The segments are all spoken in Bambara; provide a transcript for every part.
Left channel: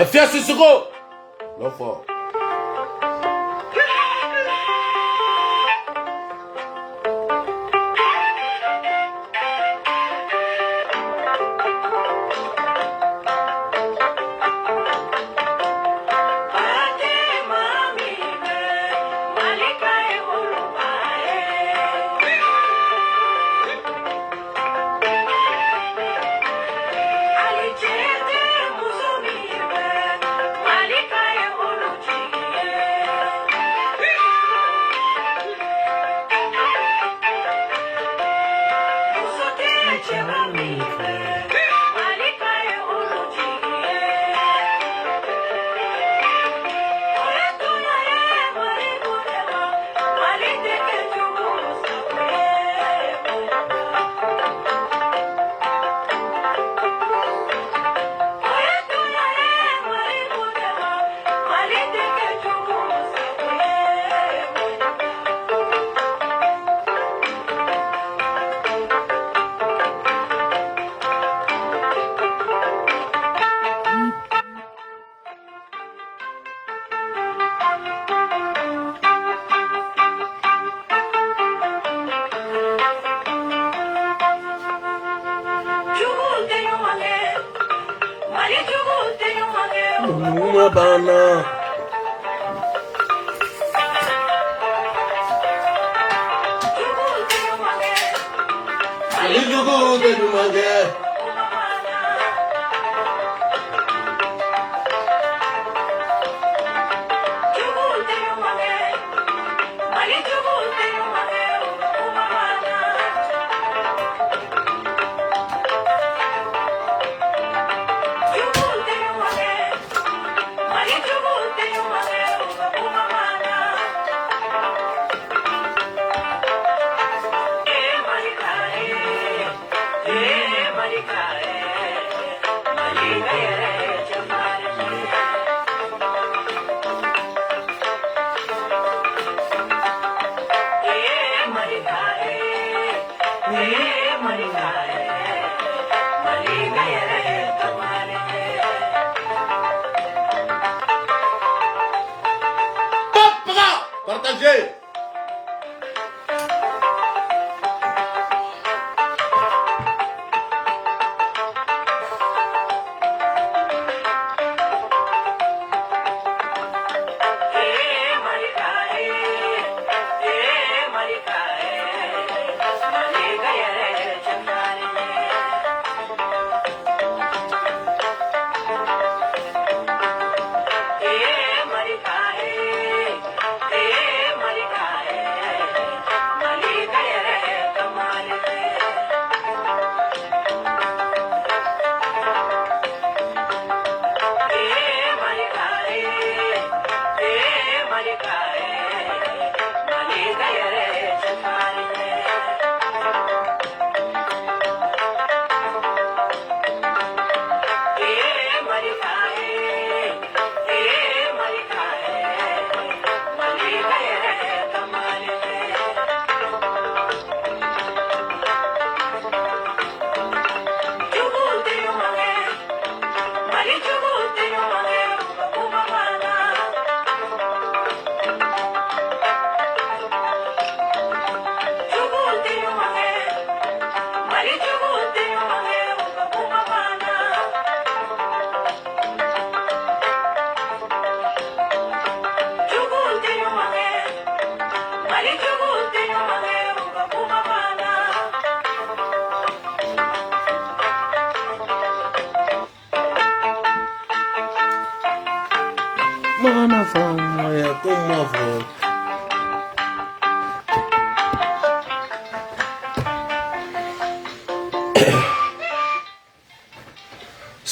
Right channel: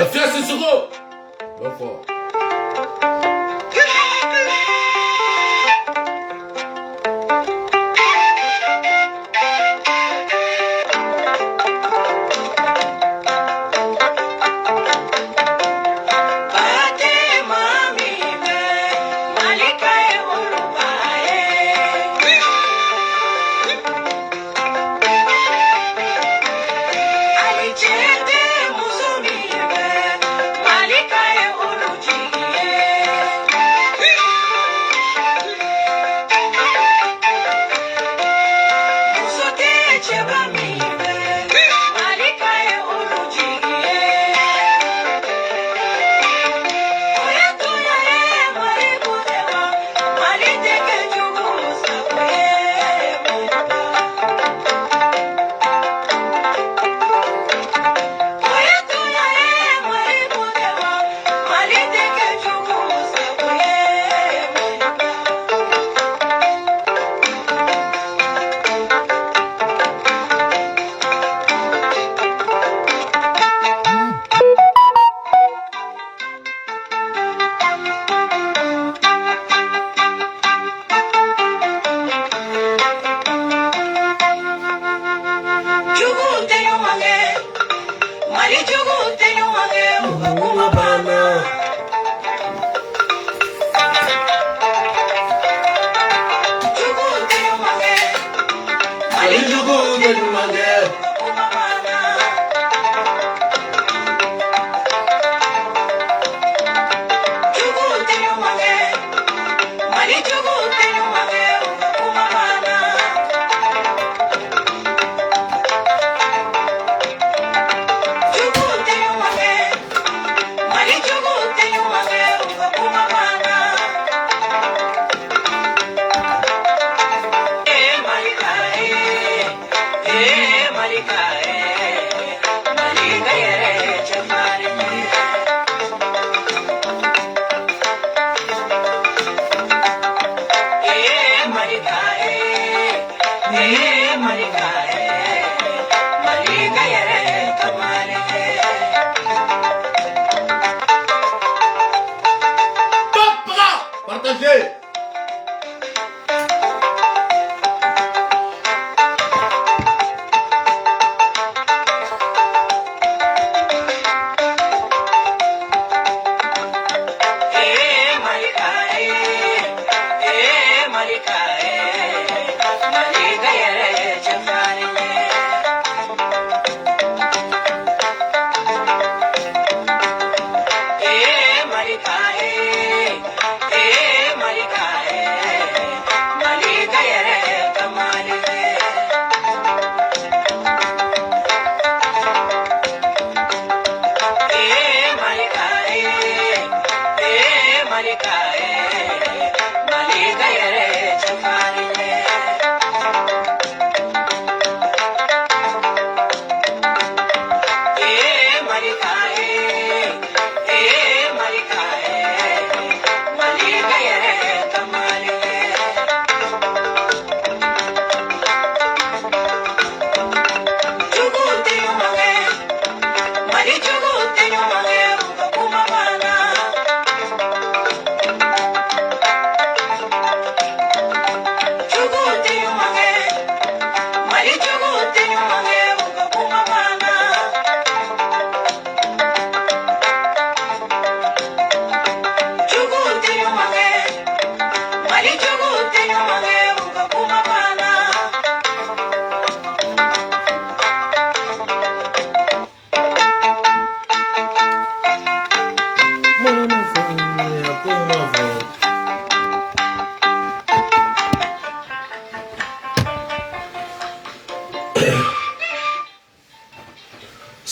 La fiasse Sissoko. L'enfant.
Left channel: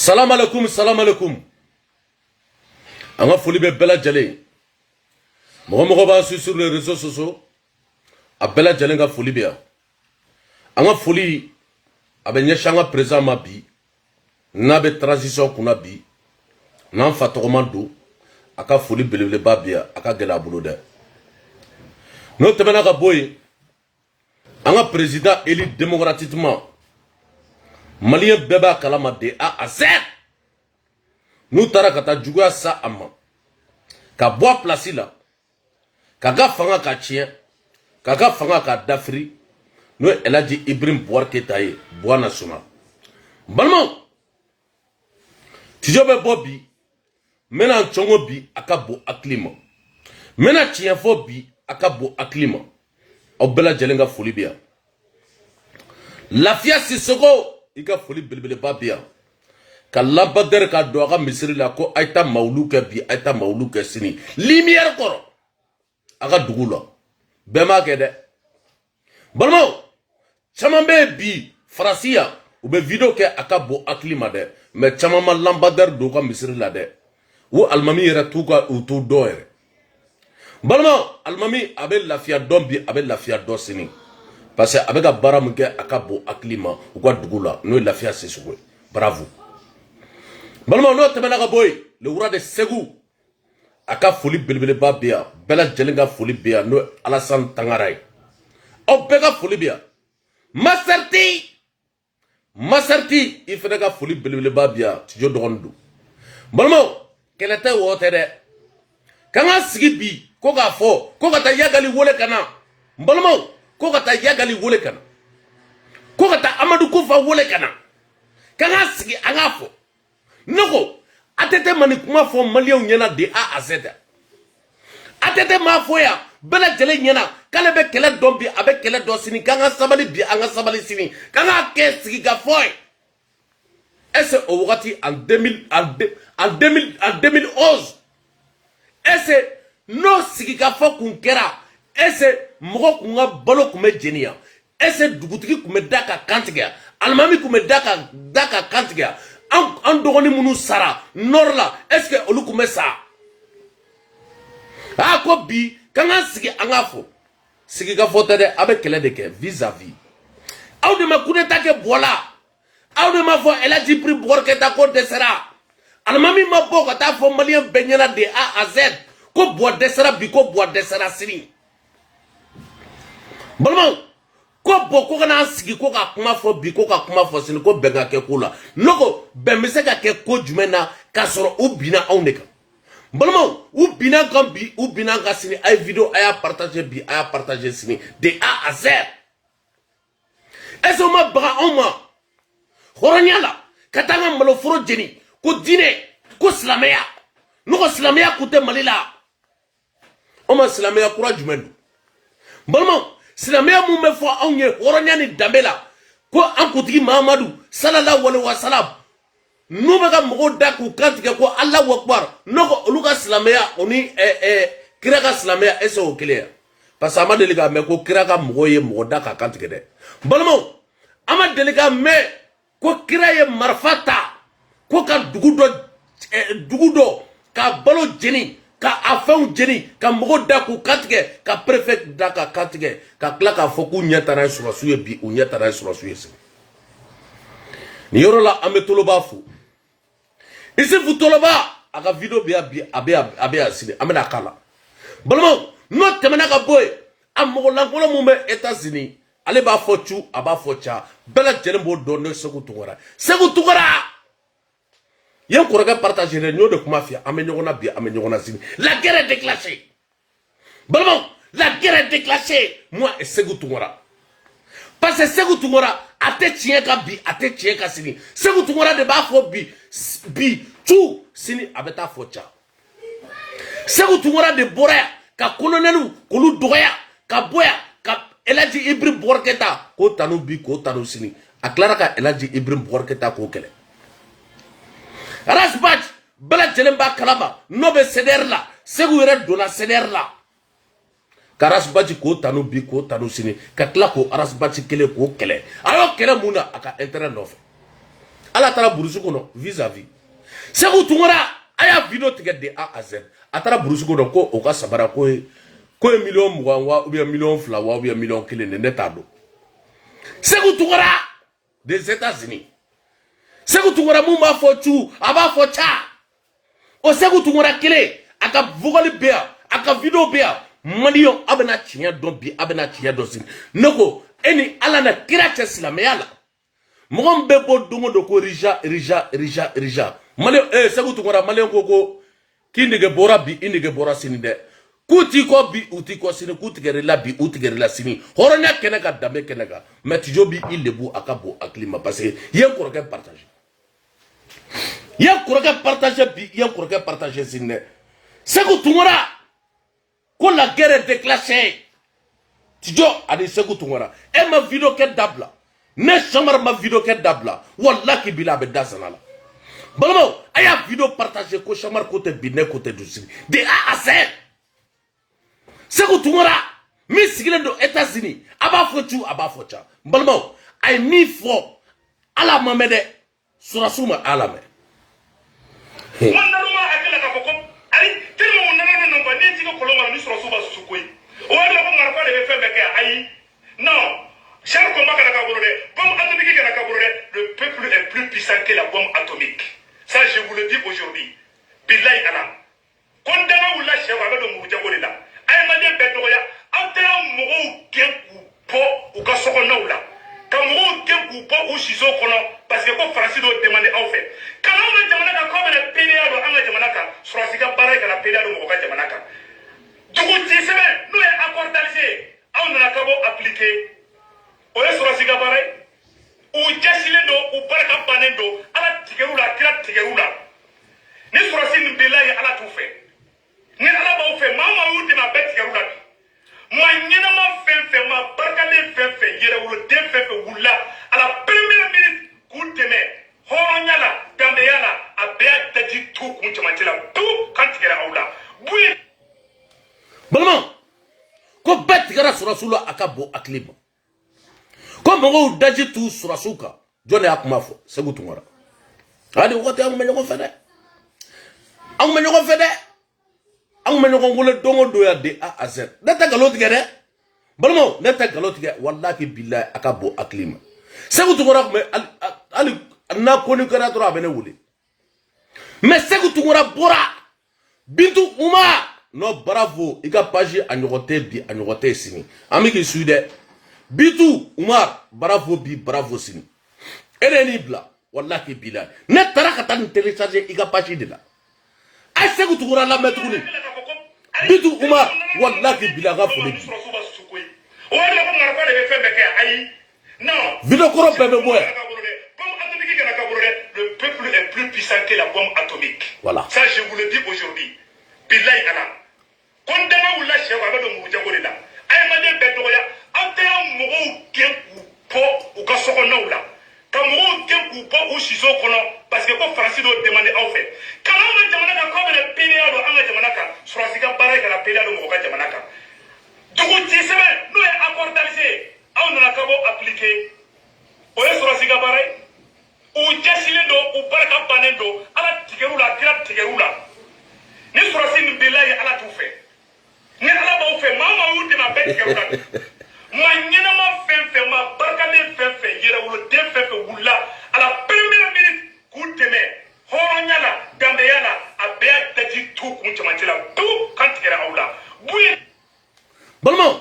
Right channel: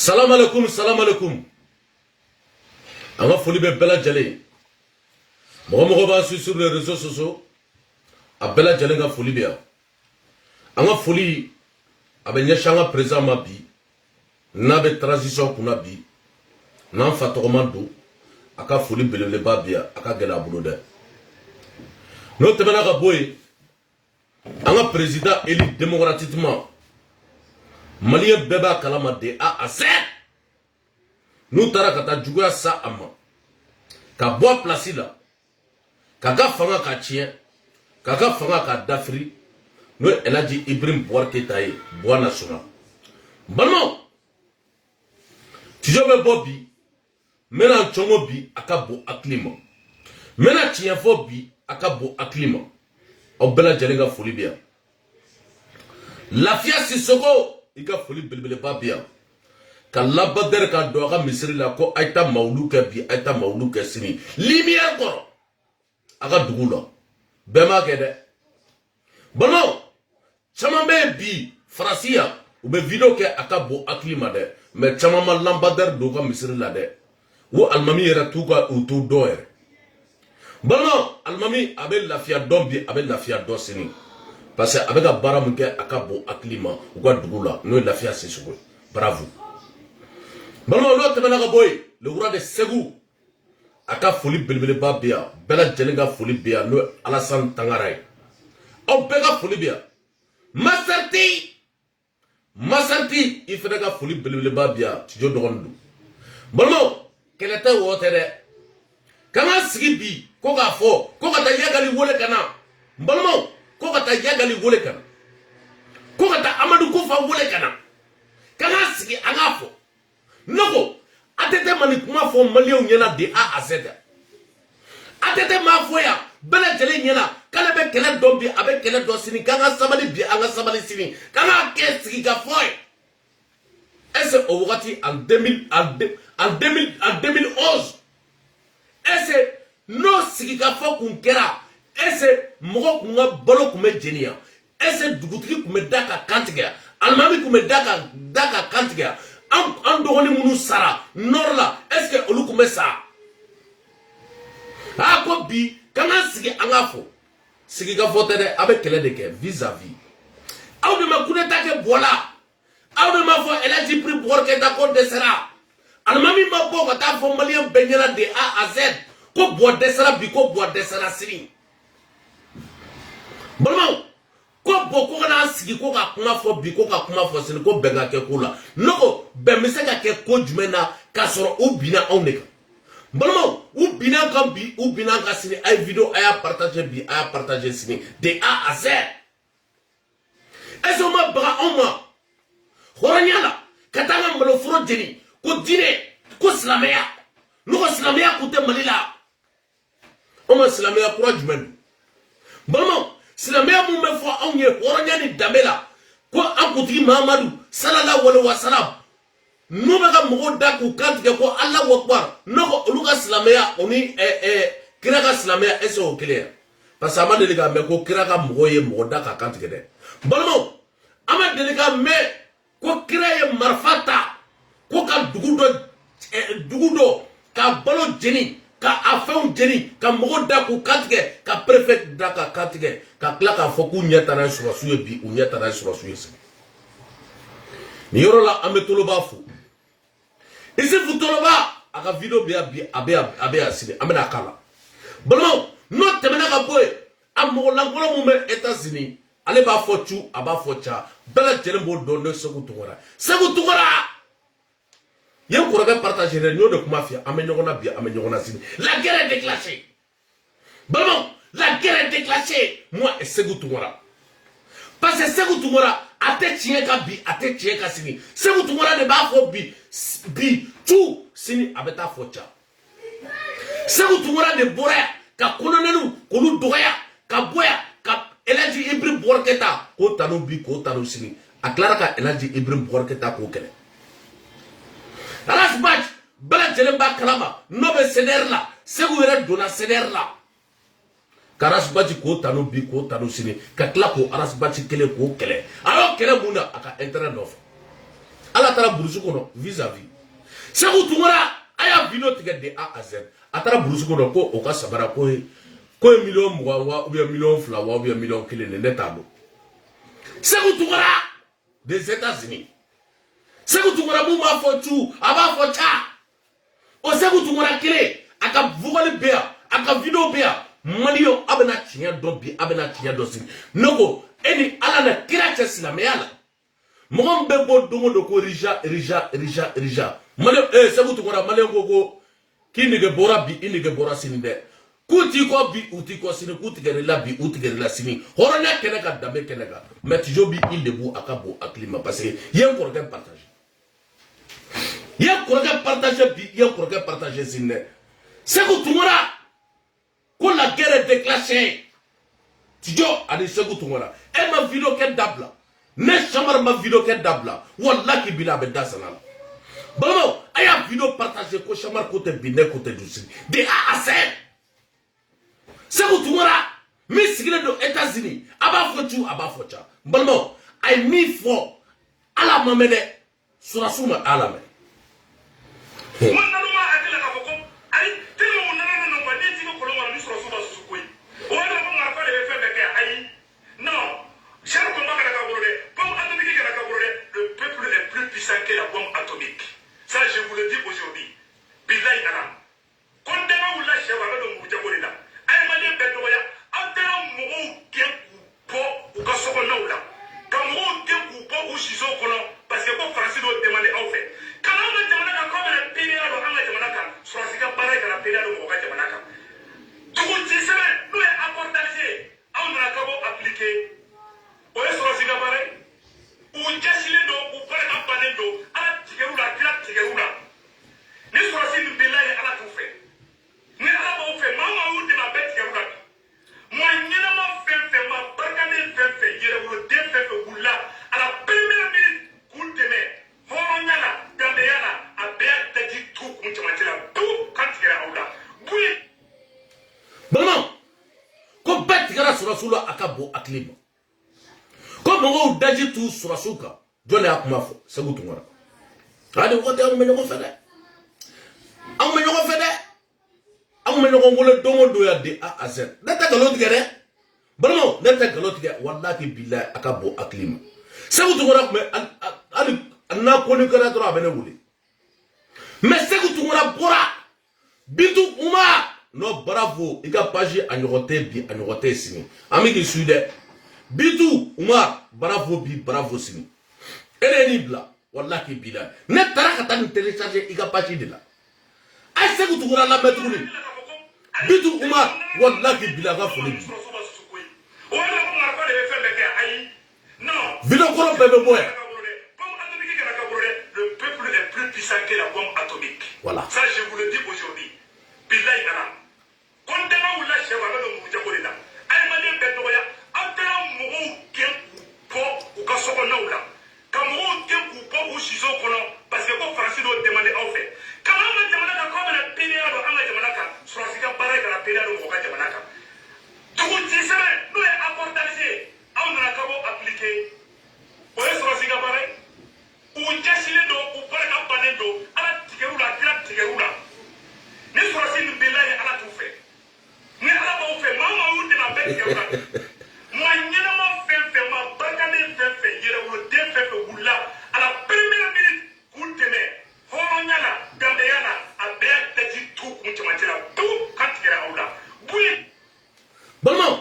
Salam alaikum, salam alaikum. Anga foli be bela jale. Mogo ba sur les réseaux sociaux. A bela jale nga foli be. Anga foli abenye shanga présent ma bi. Na be transition kuna bi. Na fatogomando aka foli belele ba bia aka gela bulu de. No temena ka boy. Anga président élu démocratiquement. Malien beba kalama de A à Z. nous tara kata juguya sa amma ka bois place là kaga fanga ka tien kaga fanga ka dafri nous elle a dit Ibrahim Bouar Keita bois national balmo tu veux Bobby maintenant chongo bi akabo aklima maintenant tien fo bi akabo aklima au bela jelenga foli bien Lafia Sissoko ika foli belebele ba bien ka labader ka do aga misiri la ko aita mauluke bi aita mauluke sini lumière koro aga dugula bema kede balmo chamambe bi frasia ou be video ke akabo aklima de mais chamama lambader do ka misiri la de wo almami era tuka utu doere balmo almami abe lafia dombi abe lafia do sini parce que avec un baramouke akabo aklima ou quoi dugula no lafia Sissoko bravo balmo lo tebena ka boy le wura de Segu aka foli belebele ba bia bela jelenga foli bia no Alassane Tangaray o bega foli bia Maserti il faudrait ka foli belebele ba bia tijo dogondu balmo kelete wo tere kanga sigi bi ko ga fo ko ga ta yagali wole kana balmo ko ga ta yagali wole kana ko ga ta Amadou Koufa wole kana kanga sigi anga fo noko atete mani kuma fo malien nyana de A à Z atete ma fo ya bela jele nyana kale be kele dombi abe kele do sini kanga sabali bi anga sabali sini kanga ke sigi ga fo est-ce au wakati en 2011 est-ce no sigi ga fo kun kera est-ce mogo kunga balo kume jenia est-ce dugutigi kume daka kantiga almami kume daka kantiga an dogoni munu sara norla est-ce que olu kume sa a ko bi kanga sigi anga fo sigi ga fo tede abe kele de ke vis-à-vis aw de ma kuneta ke bola aw de ma fo elle a dit pris Bouar Keita ko desera almami ma bo ko ta fo malien benyana de A à Z ko bo desera bi ko bo desera sini balmo ko bo ko kana sigi ko ka kuma fo bi ko ka kuma fo sini ko benga ke kula noko be mise ka ke ko jumena ka soro u bina oneka balmo u bina kan bi u bina ka sini ay video aya partager bi aya partager sini de A à Z eso ma baga oma horonyala katanga malo furo jeni ko dine ko slameya noko slameya ko te malila oma slameya kura jumen balmo silamaya mun be fo anw ye horonya ni damela ko an kutigi Mahamadu sallallahu alaihi wasallam no be ka mogo da ku kantige ko Allahu akbar noko oluka silamaya oni kira ka silamaya eso clear parce que amade liga me ko kira ka mogo ye mogo da ka kantige de balmo amade liga me ko kira ye marfata ko ka dugudo ka balo jeni ka afɛnw jeni ka mogo da ku kantigɛ ka préfet da ka kantigɛ ka tila k'a fɔ k'u ɲɛ tana ye sɔrɔsiw ye bi u ɲɛ tana ye sɔrɔsiw ye sini nin yɔrɔ la an bɛ Toloba fo Isufu Toloba a ka video bɛ yan bi a bɛ yan sini an bɛna k'a la balimaw n'o tɛmɛna ka bɔ yen a mɔgɔlankolon mun bɛ États-Unis ale b'a fɔ cu a b'a fɔ ca bɛɛ lajɛlen b'o dɔn ne Segu Tunkara Segu Tunkara yen kɔrɔkɛ partager n'o de kuma fia an bɛ ɲɔgɔn na bi an bɛ ɲɔgɔn na sini la guerre est déclenchée balimaw la guerre est déclenchée moi et Segu Tunkara parce que Segu Tunkara a tɛ tiɲɛ ka bi a tɛ tiɲɛ ka sini Segu Tunkara de b'a fɔ bi tu sini a bɛ taa fɔ ca Segu Tunkara de bɔra yan ka colonel k'olu dɔgɔya ka bɔ yan ka El Hadji Ibrahim Bouar Keita k'o tanu bi k'o tanu sini a tilara ka El Hadji Ibrahim Bouar Keita k'o kɛlɛ Arasbach bala jelemba kalama no be CDR la Segu yɛrɛ donna CDR la Arasbach k'o tanu bi k'o tanu sini ka tila k'o Arasbach kelen k'o kɛlɛ a y'o kɛlɛ mun na a ka intérêt nɔfɛ ala taara burusi kɔnɔ vis-à-vis Segu Tunkara a y'a video tigɛ de A à Z a taara burusi kɔnɔ ko o ka sabara ko ye million 20 wa ou bien million 2 wa ou bien million 1 de ne t'a dɔn Segu Tunkara des États-Unis Segu Tunkara mun b'a fɔ cu a b'a fɔ ca o Segu Tunkara kelen a ka vugoli bɛ yan a ka video bɛ yan maliyɛnw a bɛna tiɲɛ dɔn bi a bɛna tiɲɛ dɔn sini ne ko e ni ala na kira cɛ silamɛya la mɔgɔ min bɛ bɔ don o don ko rija Malien Sekou Tounkara Malien koko ki nege bora bi inege bora sini de kuti ko bi uti ko sini kuti gere la bi uti gere la sini horonya kene ka dambe kene ka mais tijo bi il lebu akabo aklima parce que yen ko ka partager yen ko ka partager bi yen ko ka partager sini Sekou Tounkara ko la guerre est déclenchée tijo ani Sekou Tounkara e ma video ke dabla ne chamar ma video ke dabla wallahi bila be dasanala Balamo, aya vidéo partagé ko chamar côté biné côté douci. De A à Z. Sekou Tounkara, mi sigile do États-Unis, aba fochu aba focha. Balamo, ay mi fo ala mamede surasuma ala me. Wanda luma akela ka foko, ari tellement on nana non ba ne tiko koloma mi surasuma susukoi. O ala ko marfa de fe beke ayi. Non, cher combat ka bolo de, bombe atomique ka bolo de, le peuple est plus puissant que la bombe atomique. Ça, je vous le dis aujourd'hui. Billahi Allah. Condamnez ou lâchez avec le Moudjabolila. Aïmadé Betoya, Antera Mourou Kenkou Po ou Kassokona ou là. Kamou Kenkou Po ou Shizo Kono, parce que pour Francis doit demander en fait. Quand on a demandé à comme la PDA de Anga Jamanaka, sur la Sika Barek à la PDA de Moka Jamanaka. Du coup, tu sais, nous est accordalisé. On a qu'à appliquer. On est sur la Sika Barek. Ou jasilendo ou baraka banendo ala tigerula kila tigerula ni surasi ni billahi ala tu fe ni ala ba fe mama wuti ma bet tigerula mo nyina ma fe ma baraka le fe yere wulo de fe wulla ala première minute kuteme horonyala gambeyala abya taji tu kunchamatila tu kan tigera aula buye Balama ko bet tigera surasula akabo aklibo comme on daji tout sur asuka jone akuma fo Sekou Tounkara adi wote am menyo fede am menyo fede am menyo ngule dongo do ya de A à Z data galot gere balmo data galot gere wallahi billahi akabo aklima Sekou Tounkara me ali na ko ni kara to abene wuli mais Sekou Tounkara bora bintu uma no bravo ika page anyote bi anyote sini ami ki suide Bitu Umar bravo bi bravo sini ere ni bla wallahi bilal ne taraka tan télécharger iga page de la ay Sekou Tounkara la mettre ni Bitu Umar wallahi bilal ga foni video koro bebe boy le peuple est plus puissant que la bombe atomique. Voilà. Ça je vous le dis aujourd'hui. Billahi Allah. Condamnez ou lâchez avec le Moudjabolila. Aïmadé Betoya. Antera Mourou Kenkou Po ou Kassokona ou là. Quand Mourou Kenkou Po ou Shizo Kono, parce que pour Francis doit demander en fait. Quand on a demandé comme la PDA de Anga Jamanaka, sur la Sika Barek à la PDA de Moka Jamanaka. Du coup, tu sais, nous est accordalisé. On a qu'à appliquer. On est sur la Sika Barek. Ou Jassilendo ou Baraka Banendo, à la Tigerula, Kira Tigerula. Ni sur la Sika Billahi à la tout fait. Ni à la bon fait, maman ou de ma bête Tigerula. Moi, nyina ma fe ma barkale fe yere wulo de fe wulla ala première minute kuteme horonyala gambeyala abya taji tu kunchamatila tu kan tigera aula buye balmo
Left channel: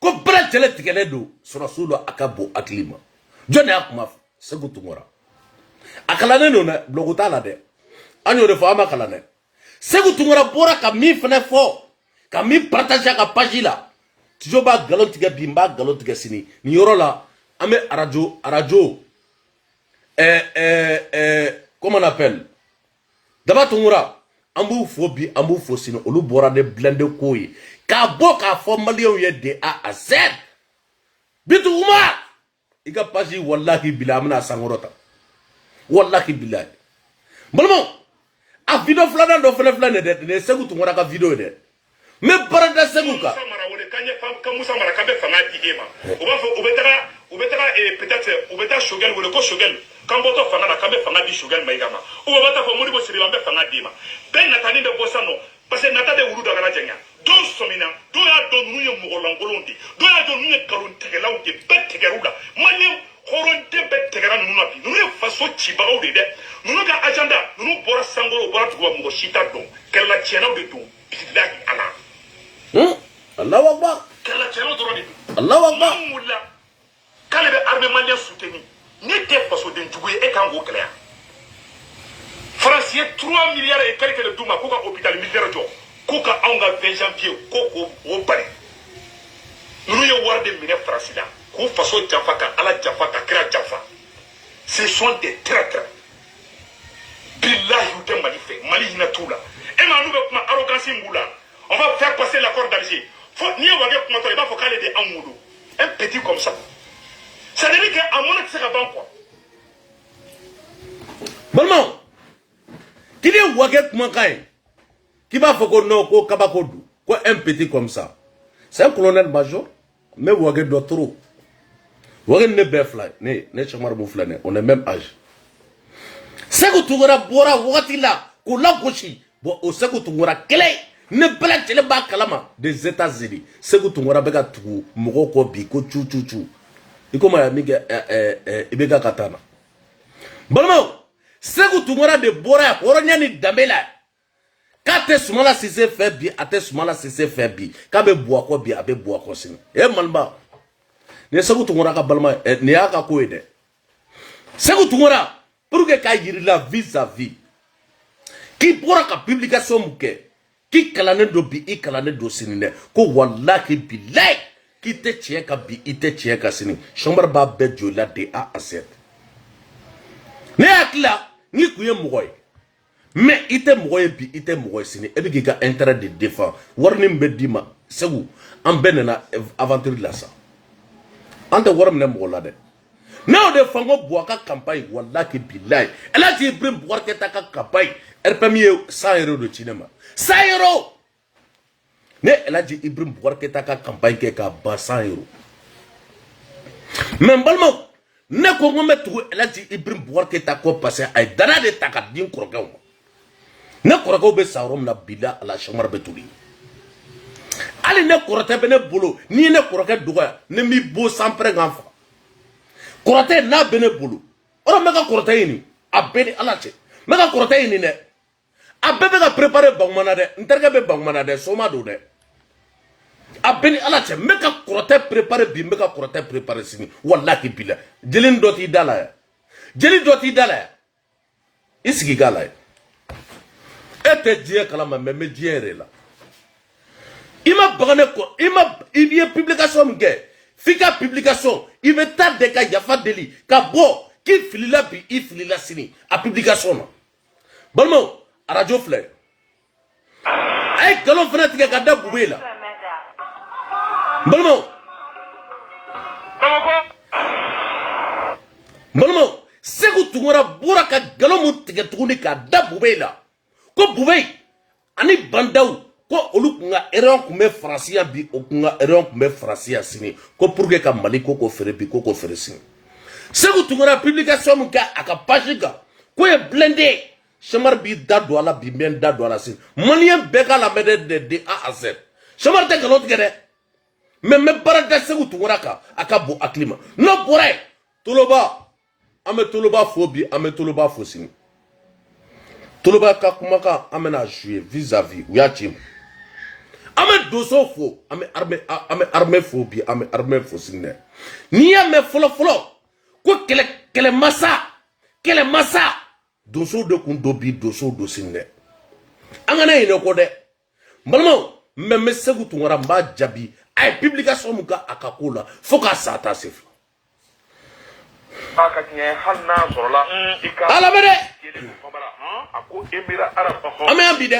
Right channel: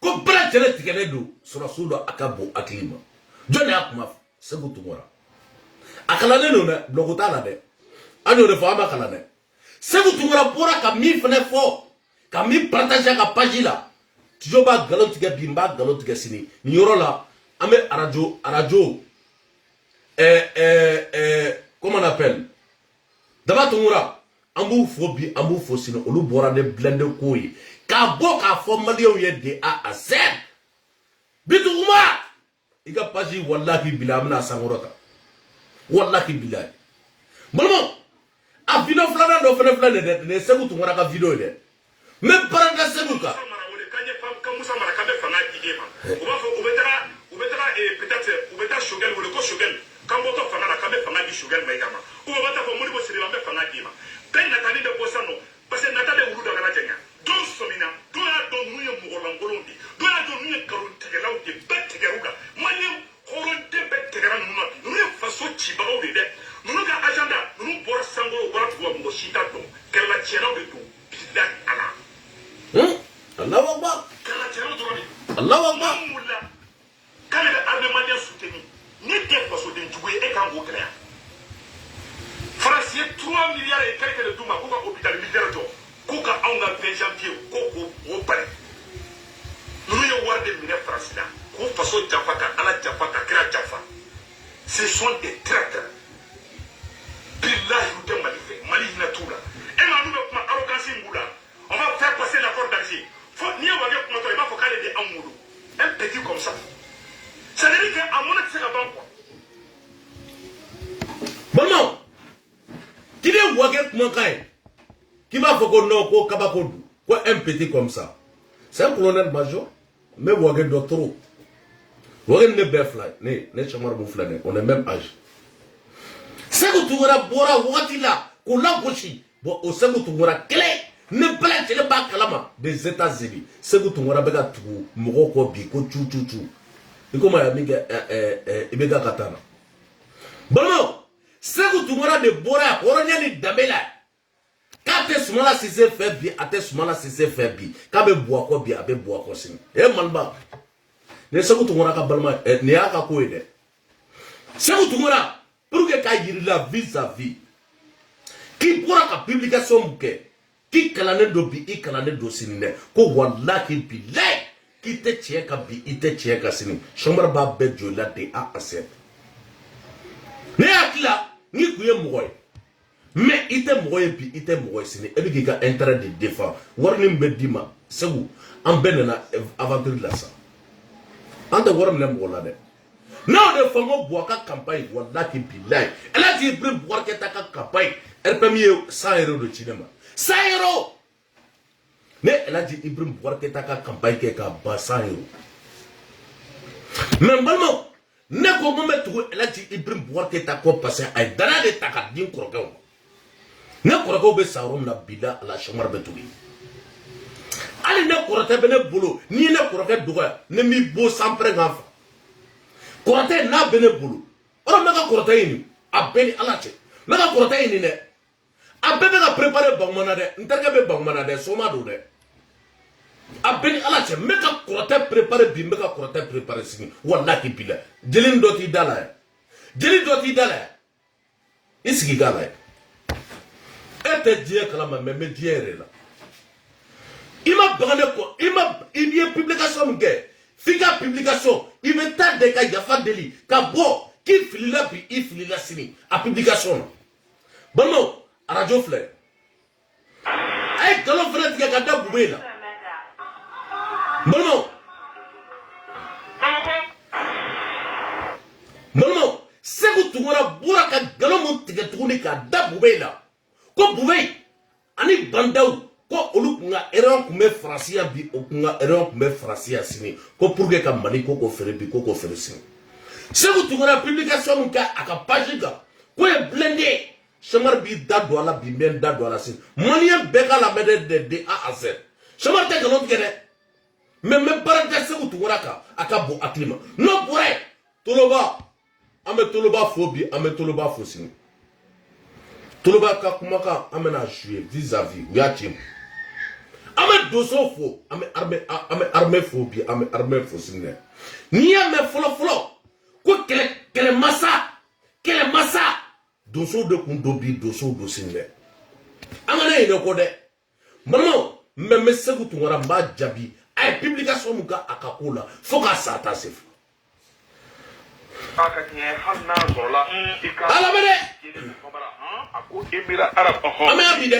ko bra jele tigere do surasulo akabo aklima jone akuma Sekou Tounkara akalane no na blogota la de anyo de fama kalane Sekou Tounkara bora ka mi fene fo ka mi partager ka page la Tijo ba galon tiga bimba galon tiga sini ni yoro la ame radio comment on appelle Daba Tounkara ambu fobi ambu fosino olu bora de blende koyi ka boka fo malio ye de A à Z Bitu Umar iga page wallahi bila amna sangorota wallahi bila balmo a video flana do flana de Sekou Tounkara ka video de me parada Sekou ka Moussa Marakabe fanga idema. On va peut-être Shogel ou le co Shogel. Quand votre fanga la Kabe fanga di Shogel Maïgama. Ou va ta famille de Suriambe fanga dima. Ben Natani de Bossano. Parce que Natade Uru de Garadjanga. Don Somina. Don a don nous Mourolangolondi. Don a don nous Kalon Tegela ou de Bet Tegeruga. Maliam Horon de Bet Tegeran Nunapi. Nous ne faisons Chibao de. Nous n'avons agenda. Nous nous Bora Sango Bora Moshita Don. Qu'elle la tienne de tout. Bidak Allah. Allah Akbar. Allah Akbar. Quand les armées maliennes soutenues, n'était pas sur des jouets et quand vous clair. France ye 3 milliards et quelques de duma ko ka hôpital militaire jo ko ka anga 20 janvier ko o bari nous ye war de mine France là ko façon jafaka ala jafaka kira jafa ce sont des traîtres billahi ou de Mali na tout là et nous ma arrogance ngula on va faire passer l'accord d'Alger faut ni wa ge kuma to ba faut caler de amudu un petit comme ça ça veut dire que à mon accès à banque quoi Balma qui est waget mankai qui va faire qu'on ko kabakodu quoi un petit comme ça c'est un colonel major mais waget d'autre waget ne befly ne chamar bouflane on est même âge sego tungora bora watila ko la goshi bo o sego tungora kele ne bala tele ba kalama des États-Unis sego tungora bega tugu mogo ko bi ko chu iko ma ya miga ibega katana balma segu tungora de bora horonya ni damela kate sumala sise fait bi ate sumala sise fait bi ka be boako bi abe boako sin e manba ne segu tungora ka balma ne aka ko ede segu tungora pour que ka yiri la vis-à-vis ki bora ka publication muke ki kalane do bi I kalane do sinine ko wallahi billahi ki te cheka bi ite cheka sini chombar ba be jola de a aset ne akla ni kuye mogoy mais ite mogoy bi ite mogoy sini e bi ga intérêt de défense warni mbedima segu am benena aventure la sa ante waram ne mogola de mais de fango boaka campagne wallahi billahi ela ti brim boaka ta ka campagne RPM 100 € de cinéma 100 €. Mais elle a dit Ibrahim Bouarketa ka campagne ke ka ba 100 €. Mais balmo ne ko mo metu elle a dit Ibrahim Bouarketa ko passer ay dana de takat din korogaw. Ne korogaw be sawrom na bila ala chamar betuli. Ali ne korote be ne bolo ni ne koroke duga ne mi bo sampre ngafa. Korote na be ne bolo. Ora mega korote ni abeli ala che. Mega korote ni ne abebe ga préparer bangmana de nterga be bangmana de soma do de abeni ala che meka korote préparer bi meka korote préparer sini wallahi bila jelin doti dala isigi gala ete die kala ma me diere la ima bagane ko ima ibie publication nge fika publication il me tarde ka yafa deli ka bo ki filila bi I filila sini a publication balmo radio flare ay galon frère tiga ka da bubela balmo segu tungora bura ka galon mu tiga tuguni ka da bubela ko bubei ani bandaw ko olu kunga erreur kumbe francia bi o kunga erreur kumbe francia sini ko pour que ka mali ko fere bi ko fere sini segu tungora publication mun ka aka page ga ko e blende Chamar bi dado ala bi men dado ala sin malien beka la mede de A à Z chamar te galon tigere me baraka segu tugoraka aka bo aklima no bore toloba ame toloba fobi ame toloba fosin toloba ka kumaka amena jouer vis-à-vis uyachim ame doso fo ame armée fobi ame armée fosin ni ame folo ko kele massa doso de kundobi doso do sinne angana yele ko de malmo me segu tungara mba jabi ay publication muka akakola foka sata sef aka nye halna sorola ika ala bede ako emira arab ame abide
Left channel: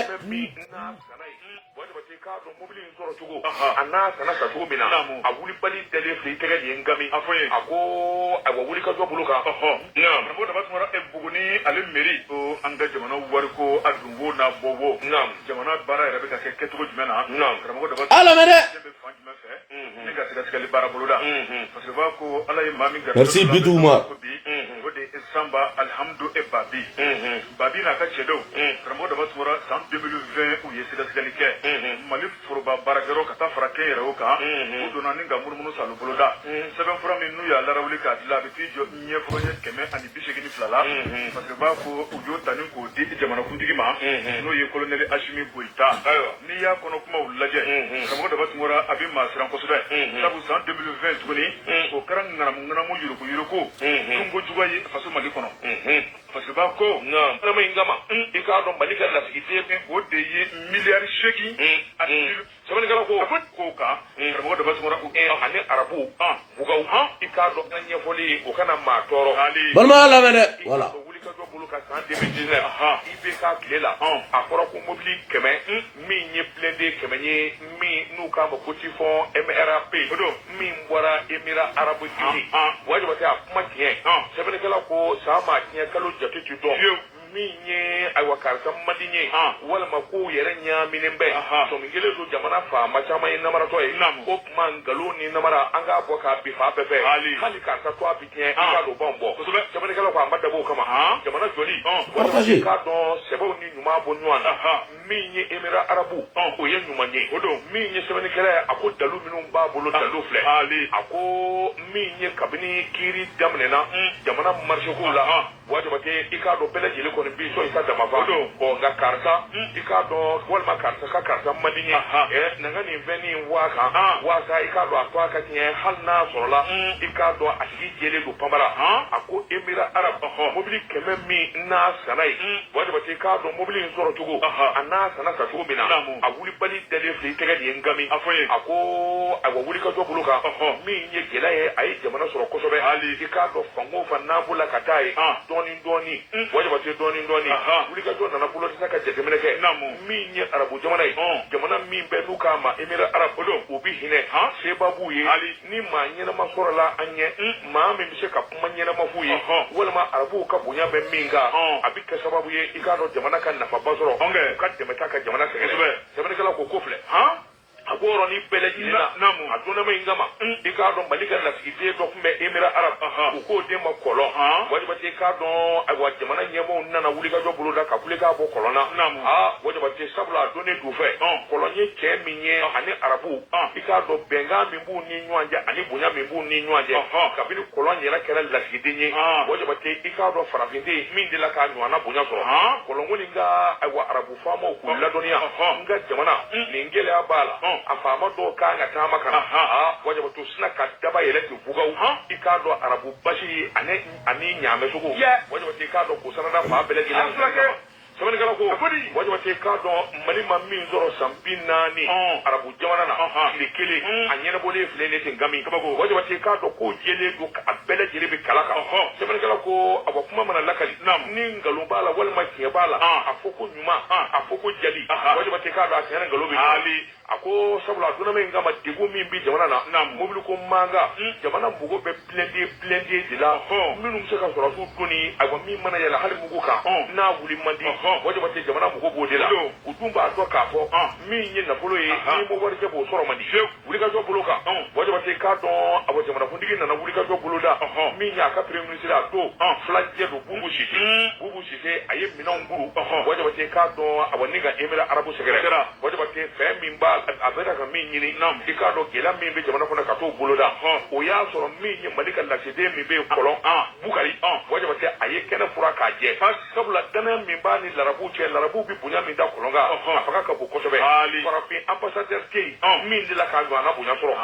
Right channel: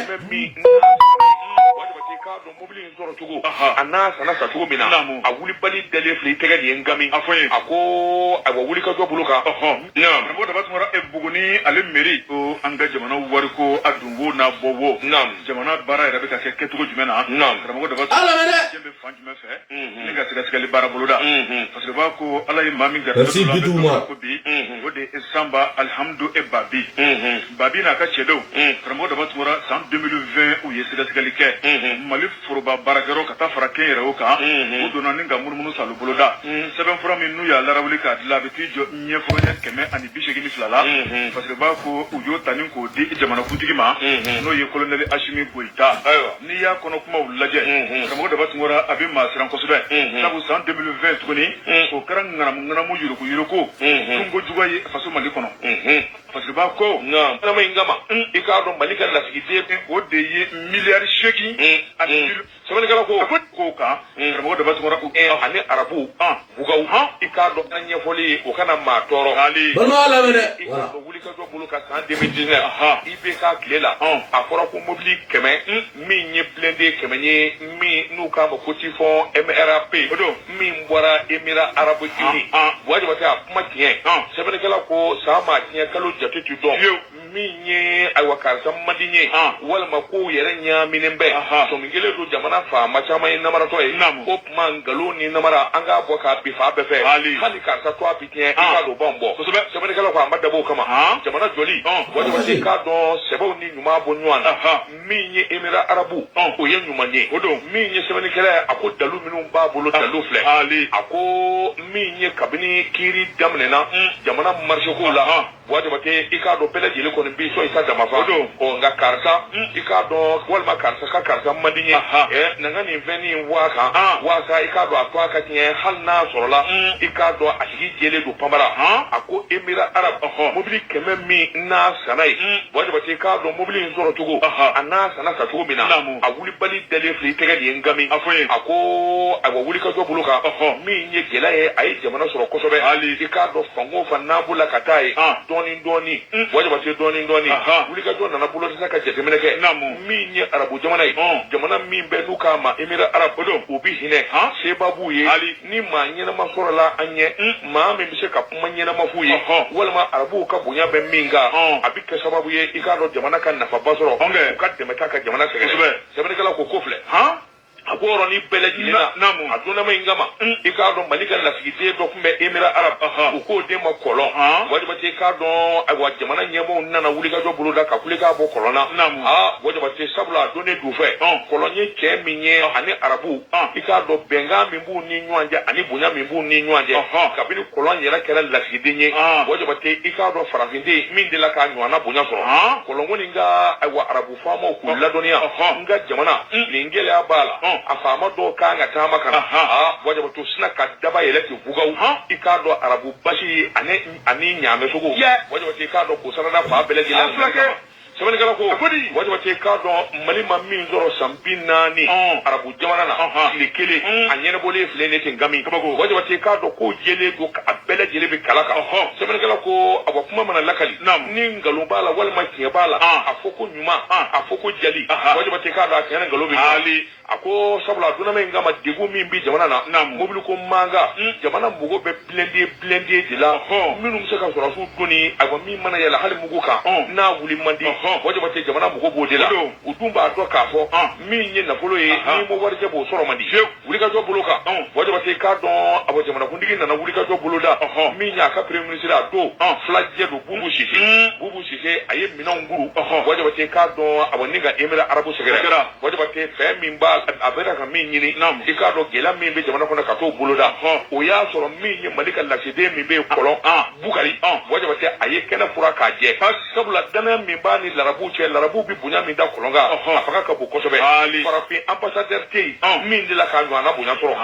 don mobili nzoro tugo ana sana sa tugo mina a wuli bali dele fli tege ni ngami ako a wuli ka jobulu ka nyam bo da batmara e buguni ale meri o anga jamana wari ko adunwo na bowo jamana bara era be ka se ketugo jumena bo da bat ala mede jembe fanju me fe nga tiga tiga li bara buluda parce que ba ko ala yi mami ga merci biduma ko bi o de samba alhamdu e babi na ka chedo bo da batmara san 2020 u yesida tiga li ke mali foroba barakero ka taa fara kɛn yɛrɛ o kan o donna ni ka munumunu salo boloda sɛbɛn fura min n'u y'a larawuli k'a dilan a bɛ t'i jɔ ɲɛforo ɲɛ 182 la parce que b'a fɔ u y'o ta ni k'o di jamanakuntigi ma n'o ye kolonɛli Asimi Goyita n'i y'a kɔnɔ kumaw lajɛ karamɔgɔ Daba Tunkara a bɛ maa siran kosɛbɛ sabu san 2020 tuguni o kɛra ŋanamu yuruku tunko juguya ye faso mali kono parce que ba ko na ma ingama ikado malika la fidie o de ye milliard sheki sabani kala ko ka mo da basu ko ani arabu bugaw ikado anya foli o kana ma toro balma ala mede wala wuli ka do bulu ka san 2019 ibe ka klela aforo ko mobili keme mi nye blende keme nye mi nu ka mo koti fo MRAP odo mi mbora emira arabu kini waje bata kuma tiye sabani kala ko sama tiye kalo jate tu do mi nye ay wakarta madinye wala mako yere nya minembe so mingele do jamana fa machama ina mara to e op mangalo ni na mara anga boka bifa befe hali ka sa to abitien ka do bombo so be sabani kala ko amada bo kama jamana joli wala ka do sebo ni nyuma bo nywan mi nye emira arabu o ye nyuma nye odo mi nye sabani kala ako dalu minu ba bolo dalu fle ako mi nye kabini kiri damne na jamana marshe ko la waje bate ikado pele jele ko bi so isa dama fa o nga karsa ikado walma karsa madinye nanga ni veni waka ikado atwa ka tiye halna sorola ikado asigi jele do pambara ako emira arab mobili keme mi na sanai waje bate ikado mobili nzoro tugo ana sana sa tugo mina awuli bali dele fli tege di ngami ako awuli ka do buluka mi nye gela e ay jamana soro kosobe ikado fango fa nabula katai doni waje bate doni wuli ka do na bulo saka je temeneke mi nye arabu jamana jamana mi be nuka ma emira arab odo obi hine se babu ye ni ma nyena masoro la anye ma me bi se ka kuma nyena mafuye wala ma arabu ka bunya be minga abike sababu ye ikado jamana kan na fa basoro ka temeta ka jamana sebe kala ko kofle agoro ni beleji na aduna ma ingama ikado malika la fide do kumbe emira arab ko de ma kolon wadi bate kado agwa jamana nyemo nana wuli ga do bulu da ka kule ga bo kolona wadi bate sabla donne du fe kolonye ke minye ani arabu ikado benga mimbu ni nyanja ani bunya mimbu ni nyanja kabini kolonye la kala la fide nye wadi bate ikado farafinde min de la ka nywana bunya so kolongo ninga agwa arabu famo ku la donia nga jamana lingele abala afama do kanga tama kana waje bato sina ka daba yeleti bugaw ikado arabu bashi ani nyame sugo waje bato ikado ko sarada fa beleji la sabani kala ko waje bato ikado malima min zoro sampina ni arabu jamana na likele anyene bole flene ngami waje bato ikado ko jele do abeleji le bi kalaka sabani kala ko abakuma mana lakali ni ngalombala wal makiya bala afoko nyuma afoko jali waje bato ikado akena ngalobi ako sabula duna me ngama degu min bi jamana na mobile ko manga jamana mugo be blende de la minum se ka sura su duni aba mi mana yala hal mugo ka na wuli mandi waje bate jamana mugo bo de la udumba to ka fo mi nyi na folo yi ni mo warje bo soro mandi wuli ka to boloka waje bate ka don abo jamana kundigi na wuli ka to boloda mi nya ka premier ministre do flagge do bubu shife aye mina nguru waje bate ka don abo ninga emira arabu segera waje bate fe min ba abera ka min nyini ikado gela min be jamana kona ka to boloda o ya soro min nyi malika la sede mi be kolon bukari waje bate aye kena fura ka je sabula dana min ba ni larabu bi bunya min da kolonga afaka ka bu kosobe farafi ambassadeur te min de la ka nyana bunya soro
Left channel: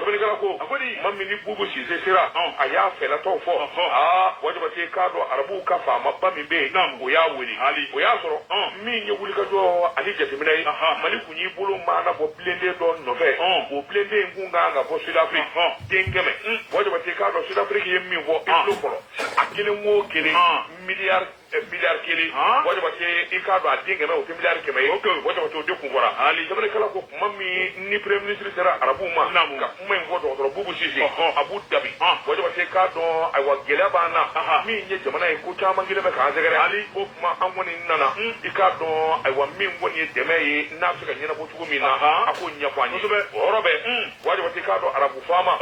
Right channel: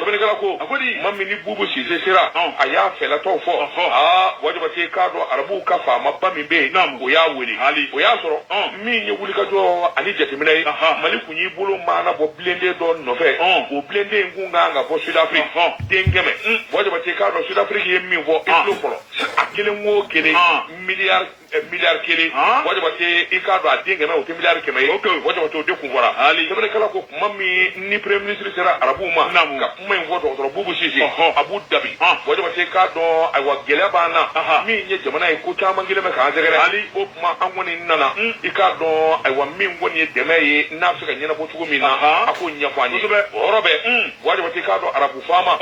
sabene kala ko akodi mammi ni bubu si se sira aya fela to fo waje bate kado arabu ka fa mabba min be o ya weli o ya soro min nyi wuli ka do ani jete minai maliku nyi bulu mana bo blende don no fe o blende ngunga nga bo South Africa dengeme waje bate kado South Africa yemmi bo itlo kolo akile ngo kele milliard kele waje bate ikado adengeme o milliard keme waje bate o de kuvara sabene kala ko mammi ni premier ministre sera arabu ma ka men voto to bubu sisi Abu Dhabi waje bate kado aywa gele bana mi nye jamana e ko chama ngile me ka jegere o ma anwoni nana ikado aywa mi ngoni deme ye na Afrika nyina bo tugo mina ako nya kwani orobe waje bate kado arabu fama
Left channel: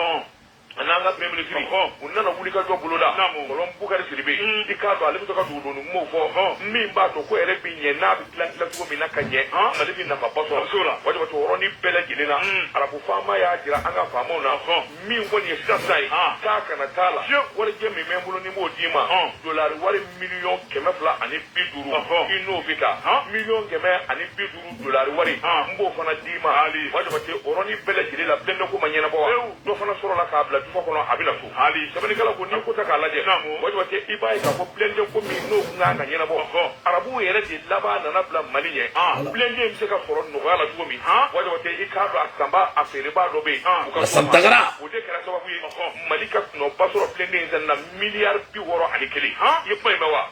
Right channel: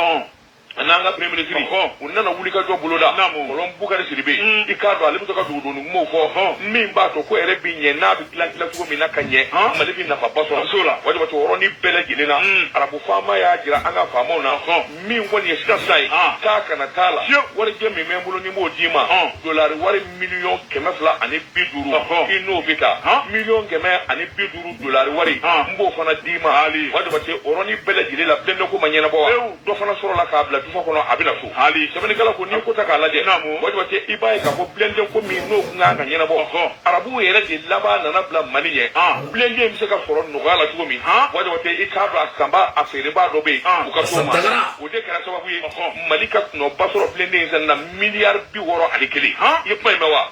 ananga premier ministre unana wulika to buloda kolon bukari siribe ikado alimto ka dudu mo fo mimba to ko ere binye na bi plan tugo mina kanye malibi na papaso sura waje bato oroni bele gilena arabu fama ya jira anga fama na mi woni yesta sai taka na tala wari je mi memulo ni mo jima dollar wari million kemefla ani biduru ino bita million keme ani biduru dollar wari mbo fana dima waje bato oroni bele gilela bendo ko manyena bo do fana sura la ka tufa kono abina fu hali sabani kala ko ni ko ta kala je wadi wate ibai ka ko blende ko mi no nga ka nyina bo arabu yere de laba na bla maniye blende mi se ka foro no gala tugo mi wadi wate ikado akamba afere ba do be ko ka so ma o de kala sababu yi malika no basoro blende na milliard bi woro alikeli yepa mewa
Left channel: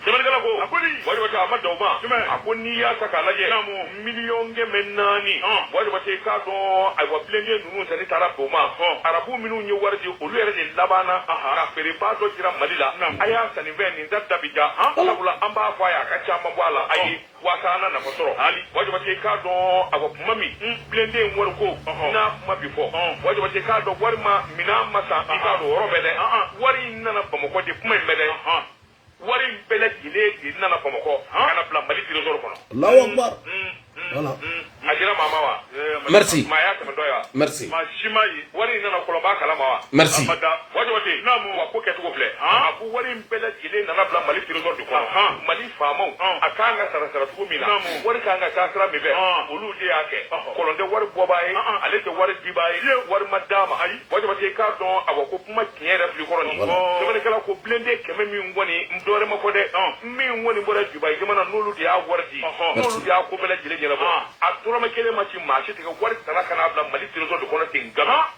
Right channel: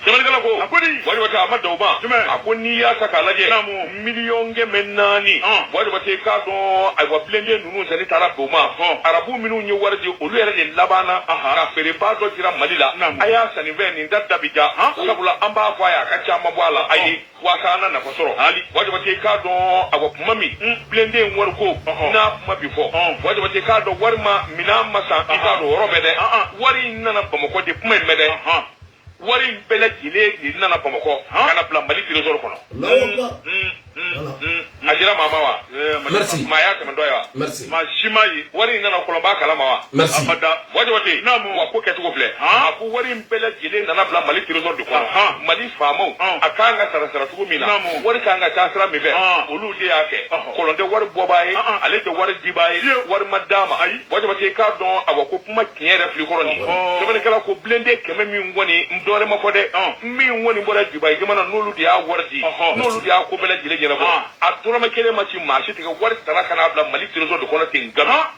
Sebenarnya kalau aku ni, wajib baca amat doa. Aku ni ya sakalaje. Million ke menani. Wajib baca kado. Aku pelajari dulu jadi taraf doa. Arabu minu ni warji ulu era je labana. Kafir pato kira Manila. Ayah saniven ni dah bija. Kalau pula amba faya kaca mabwala. Ayi wakana na pasoro. Wajib baca kado. Aku mami pelajari warko na mabifo. Wajib baca kado warma minam masa kado robede. Wari nana pemokoti pemain mede. Wari bela jile ni nana pamoko kana plan mali trésor kono voilà ajira mama wa merci maya kama doya merci ma shimayi wari nana kolomba kala mawa merci amada waje namu wa ko ketu ko fle aku wari bela jile nana plan mali trésor de kono mali famo akanga sara tugo mina wari kanga tasra mi be olu de ake kolonde wari bobaye ale de wari dibaye wari madama waje ka don abako kuma tiere fli koroni to bele kala ko blende keme mi ngoni dore ma ko de mi woni bora dibaye gama nolu dia wardi nolu dia ko bele jile jele bo atura ma kele ma ci marché te ko wari tara kana abla mali trésor de kono tin gama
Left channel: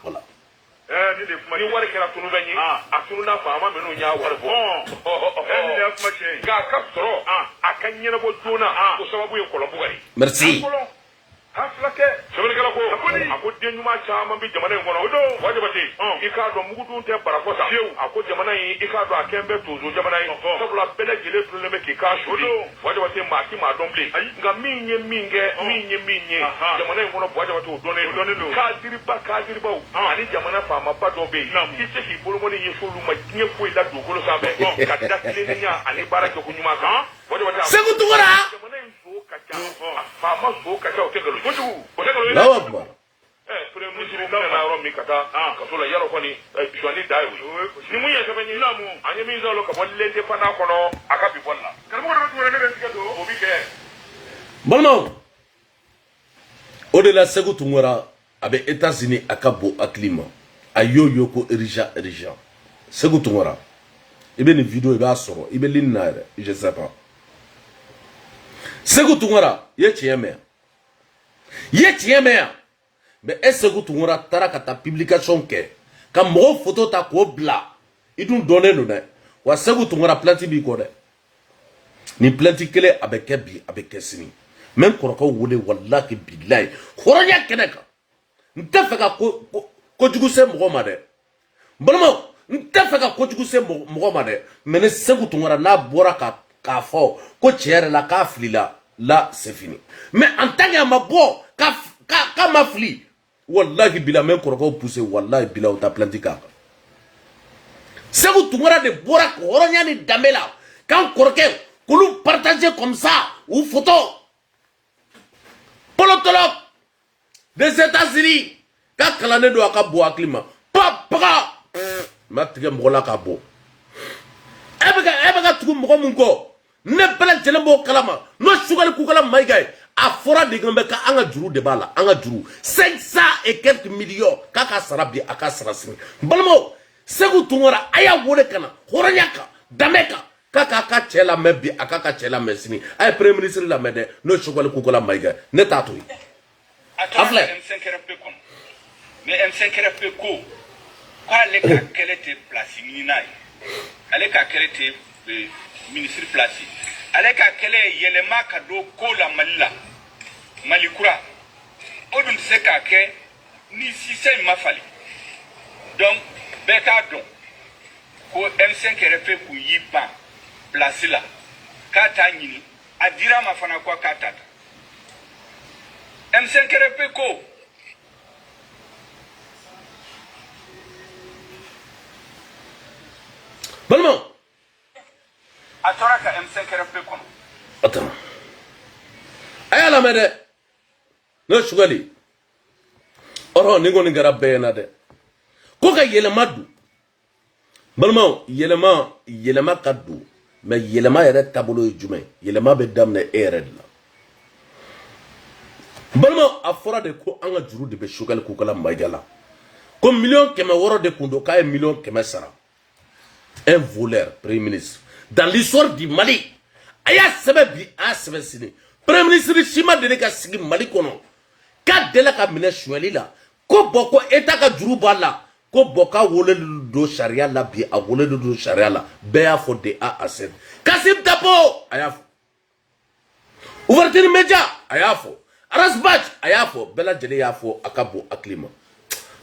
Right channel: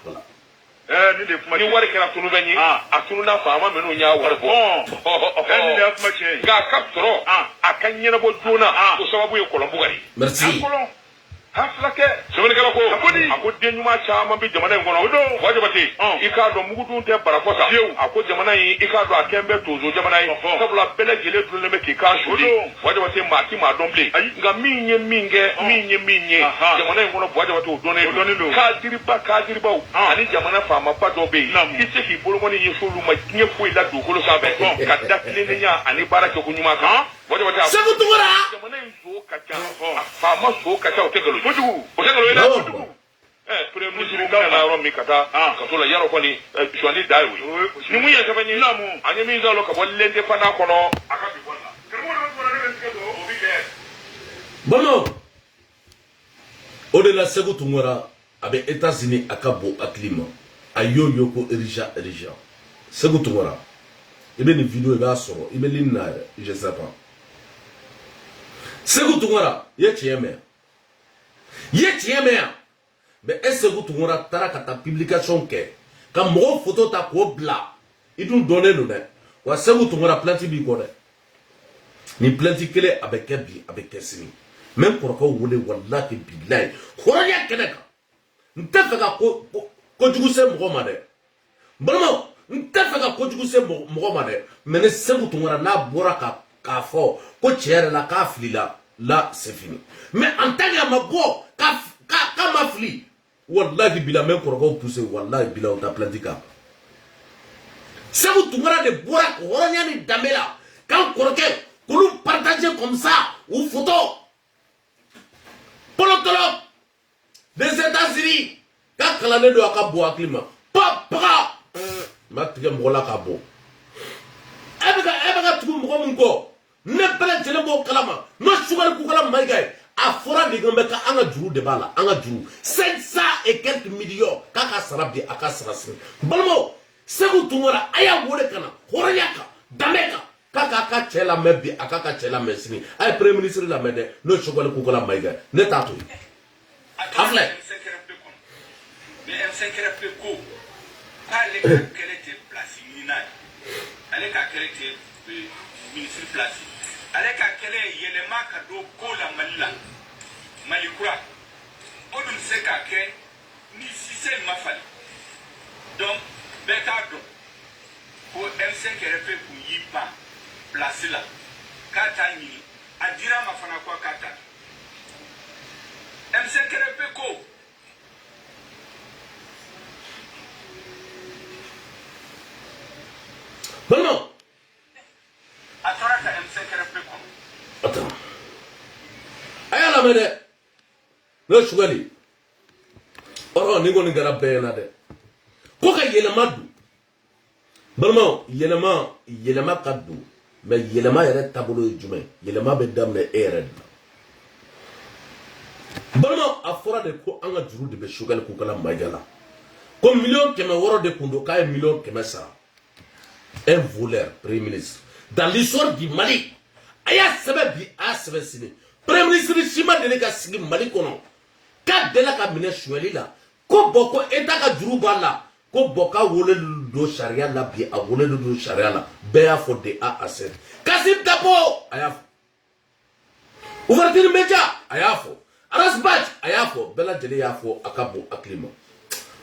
ni de kuma ni wari kana tunu gani atunu na fama menu nya wari bo ni de kuma ce ga kaptoro akan nyena bo jona ko sababu e kolombu gani merci haflake sabani kala ko ako denuma chama bi jamana ngono do wajibati ikado mugudu te barakosa ako jamana yi ikado akembe tozo jamana yi sabula bele gele dule me ki ka shudi wajibati mati ma dombe nga minye jamana ngono wajibati odone do ka diriba ani jamana fa ma pa do be kise ki bolo ngoni yesulu ma nye ko ila do ko sabe ka dakile nya ani barake ko nyuma ka wajibati segu tungora jamana zo ka fa ma zo ka ta o Ojugu, osengalo lawa premier ministre ka na ro mi kata ka to la yaro ko ni swali dai wi ni mu ya tabani namu anye mi zalo ka bolle de fana kono aka bi bolla karamo do ne ke do obi ke bono odela segu tungora abe États-Unis akabo aklima ayoyo ko erija segu tungora ibe ni video ibe asoro ibe linna je sais pas segu tungora ye tieme mais est-ce que tu auras ta publication quand mon photo ta ko bla il nous donner le nez wa segu tu auras planti bi ko de ni planti kele avec bi avec sini même ko ko wole wallahi billahi khoronya keneka ntafaka ko jugu se mo ma de bonmo ntafaka ko jugu se mo ma de mais segu tu auras na bora ka fo ko tiere la ka flila là c'est fini mais en tant que ma bo ka ma fli wallahi bila men koroko pousser wallahi bila on t'a planté ka c'est vous tungara de bora horonya ni damela quand korke kulu partager comme ça ou photo polotolo des États-Unis ka kalane do aka bo aklima papa matige mola ka bo ebega tugu mo munko ne bela jelembo kalama no sugal ku kala maigay a fora de gambe ka anga juru de bala anga juru 500 et quelques millions kaka sarabi aka sarasini balmo segu tungora aya wole kana horanyaka dameka kaka ka chela mebi aka ka chela mesini ay premier ministre la mede no sugal ku kala maigay ne tatu afle mais M5RP ko le ka kele te place minai ale ka kele te ministre place ale ka kele yelema ka do ko la malila malikura odum se ka ke ni sise mafali donc be ka don ko M5RP ku yipa place la ka ta nyini adira mafana kwa ka ta M5RP ko balmo atora ka M5RP kono attends ay la mede no sugali oro ni goni gara bayana de ko ka yelema du balmo yelema kaddu mais yelema yere tabolo jume yelema be damne ere la balma a fora de ko an ka juru de be chogal ko kala magala comme million keme woro de kundo kay million keme sara un voleur premier ministre dans l'histoire du Mali aya sebe bi a sebe sini premier ministre Chima de ka sigi Mali kono ka de la ka mine choueli la ko boko eta ka juru bala ko boka wole do sharia la bi a wole do sharia la be a fo de a asset Kassim Dapo aya ouverture media aya fo Arasbach aya fo bela jele ya fo akabo aklima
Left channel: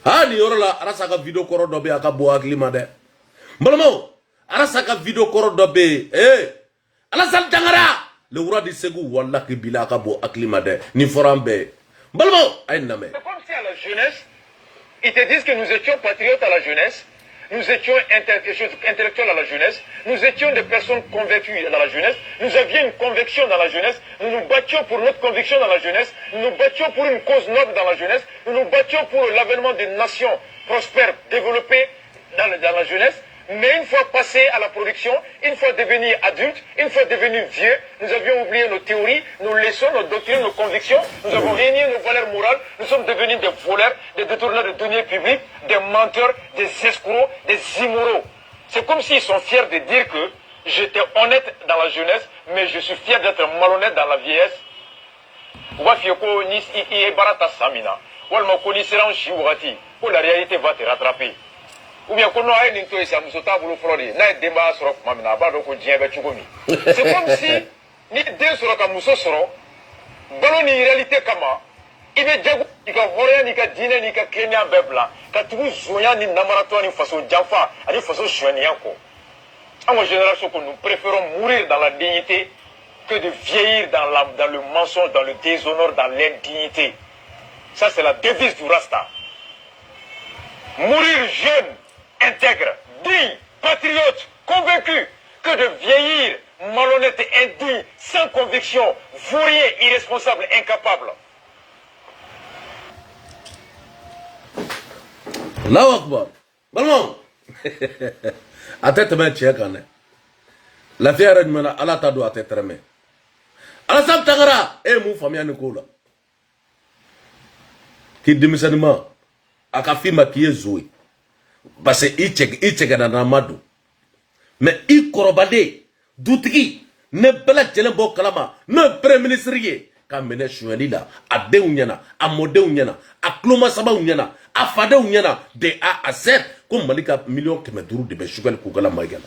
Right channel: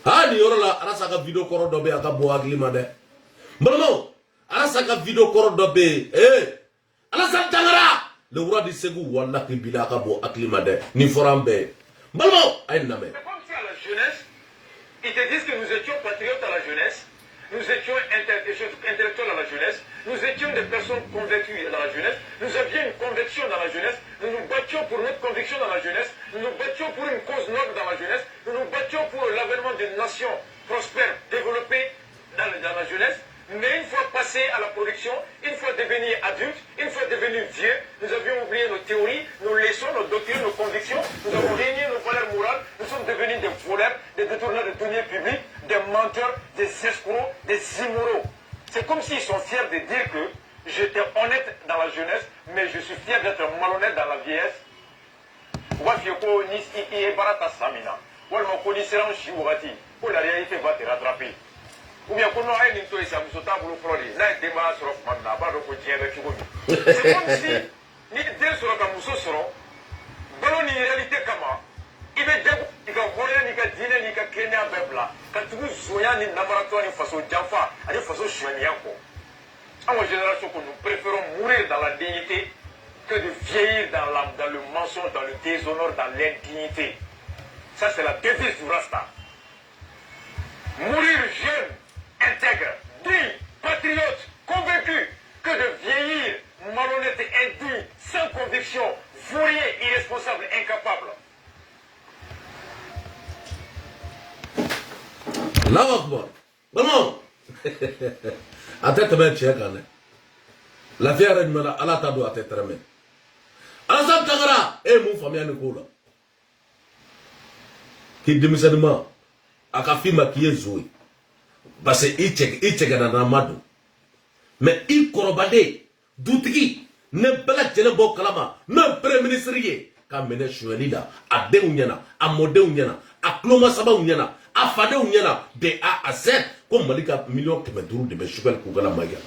ha ni yoro la arasa ka video koro do be akabo aklima de mbalomo arasa ka video koro do be Alassane Dangara le roi du Ségou wallahi bila akabo aklima de ni forambe mbalomo ay name. C'est comme si à la jeunesse ils te disent que nous étions patriotes à la jeunesse, nous étions intellectuels à la jeunesse, nous étions des personnes convaincues dans la jeunesse, nous avions une conviction dans la jeunesse, nous nous battions pour notre conviction dans la jeunesse, nous nous battions pour une cause noble dans la jeunesse, nous nous battions pour l'avènement des nations prospères, développées dans la jeunesse. Mais une fois passé à la production, une fois devenus adultes, une fois devenus vieux, nous avions oublié nos théories, nos leçons, nos doctrines, nos convictions, nous avons renié nos valeurs morales, nous sommes devenus des voleurs, des détourneurs de deniers publics, des menteurs, des escrocs, des immoraux. C'est comme s'ils sont fiers de dire que j'étais honnête dans la jeunesse, mais je suis fier d'être malhonnête dans la vieillesse. La réalité va te rattraper. Ou bien qu'on a une intuition, c'est comme si ni deux sur la mousso soro, ballon ni réalité comment il est déjà ni ka voria ni ka dîner ni ka Kenya bebla, ka tout zoya ni namarato ni façon d'enfant, ani façon chouanianko. En génération que nous préférons mourir dans la dignité que de vieillir dans le mensonge, dans le déshonneur, dans l'indignité. Ça c'est la devise du Rasta. Mourir jeune, intègre, digne, patriote, convaincu, que de vieillir malhonnête et indigne, sans conviction, vaurien, irresponsable, incapable. Allahu Akbar. Balmon. Atete me chekane. La fière de mena ala tadu atete reme. Alassane Dangara mu famia ni kola. Ki dimisanima akafima ki zoe. Parce que il check na namadu. Mais il korobade dutigi ne bela jelen bo kalama ne premier ministre ye ka mene choueli la a de unyana a mode unyana a kloma saba unyana a fade unyana de a à Z comme malika million keme duru de be chouel ko gala magala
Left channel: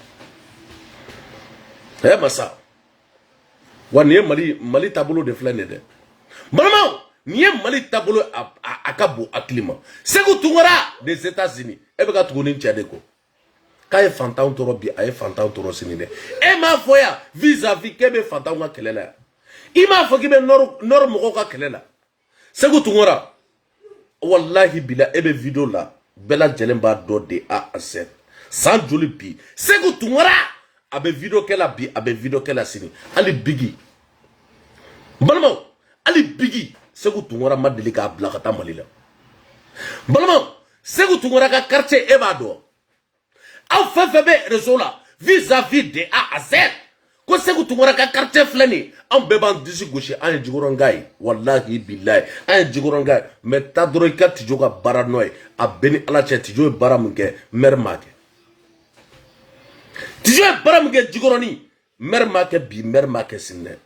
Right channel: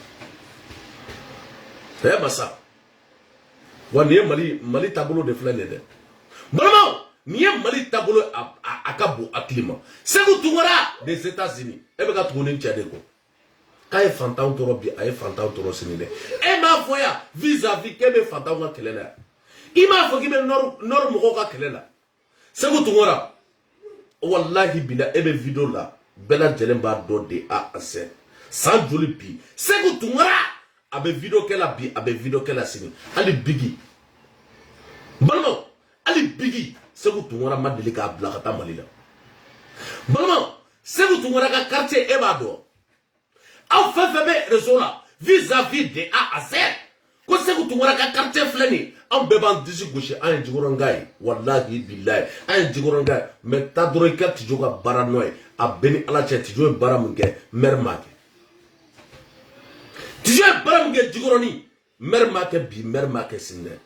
masa wani mali tableau de flane de malama ni mali tableau akabo aklima Sékou Toungara des États-Unis e be ka tugoni tiade ko Kaye fantan toro bi aye fantan toro sinide e ma foya vis-à-vis kebe fantan ka kelela i ma fo kibe nor mogo ka kelela Sékou Toungara wallahi bila ebe video la bela jelen ba do de a Z sans joli bi Sékou Toungara abe video kela bi abe video kela sini ali bigi balma ali bigi Sékou Toungara ma deli ka bla kata malila balma Sékou Toungara ka quartier e ba do aw fefebe réseau là vis-à-vis de A à Z ko Sékou Toungara ka quartier flani am beban disi gauche an jigorongai wallahi billahi an jigorongai mais ta doro ka tijo ka baranoy a beni ala che tijo baramunge mermake tijo baramunge jigoroni mermake bi mermake sinne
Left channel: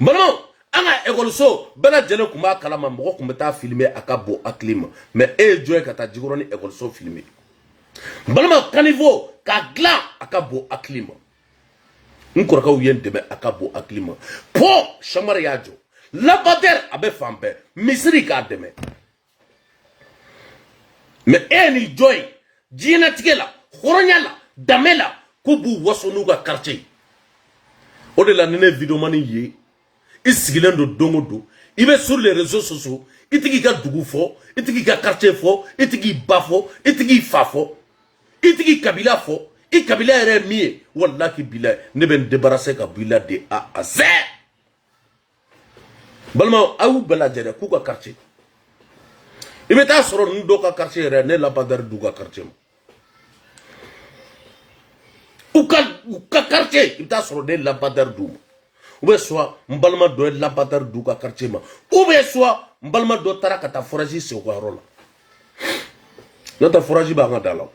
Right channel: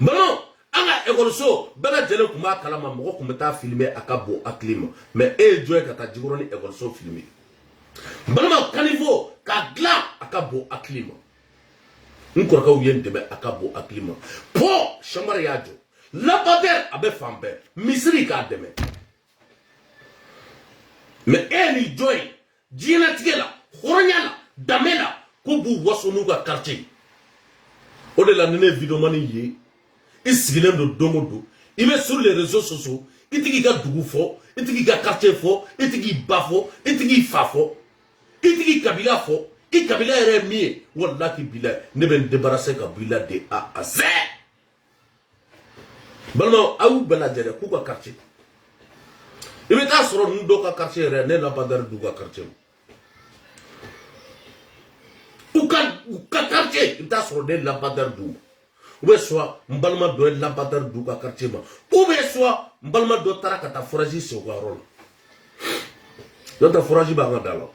bano anga école so bela jele kuma kalama mo ko meta filmer akabo aklima mais joy kata jigoroni école so filmer balama caniveau ka gla akabo aklima nkoraka uyen deme akabo aklima po chamar yajo labader abe fambe misri ka deme mais eni joy dina tigela khoronyala damela kubu wasonu ka quartier o de la nene vidéo mani ye isigilendo do dongodo ibe sur les réseaux sociaux itigi ka dugu fo itigi ka quartier fo itigi bafo itigi fafo itigi kabila fo i kabila ere mi wallahi billah ne ben débarrasser kabila de A à Z balma awu bela jere ku ka quartier ibe ta soro ndo ka quartier ere ne la badar du ka quartier u ka quartier ibe ta soro de la badar du ou bien soit mbalma do la badar du ka quartier ma ou ou bien soit mbalma do tara kata forage se ko rola nota forage ba nga dalaw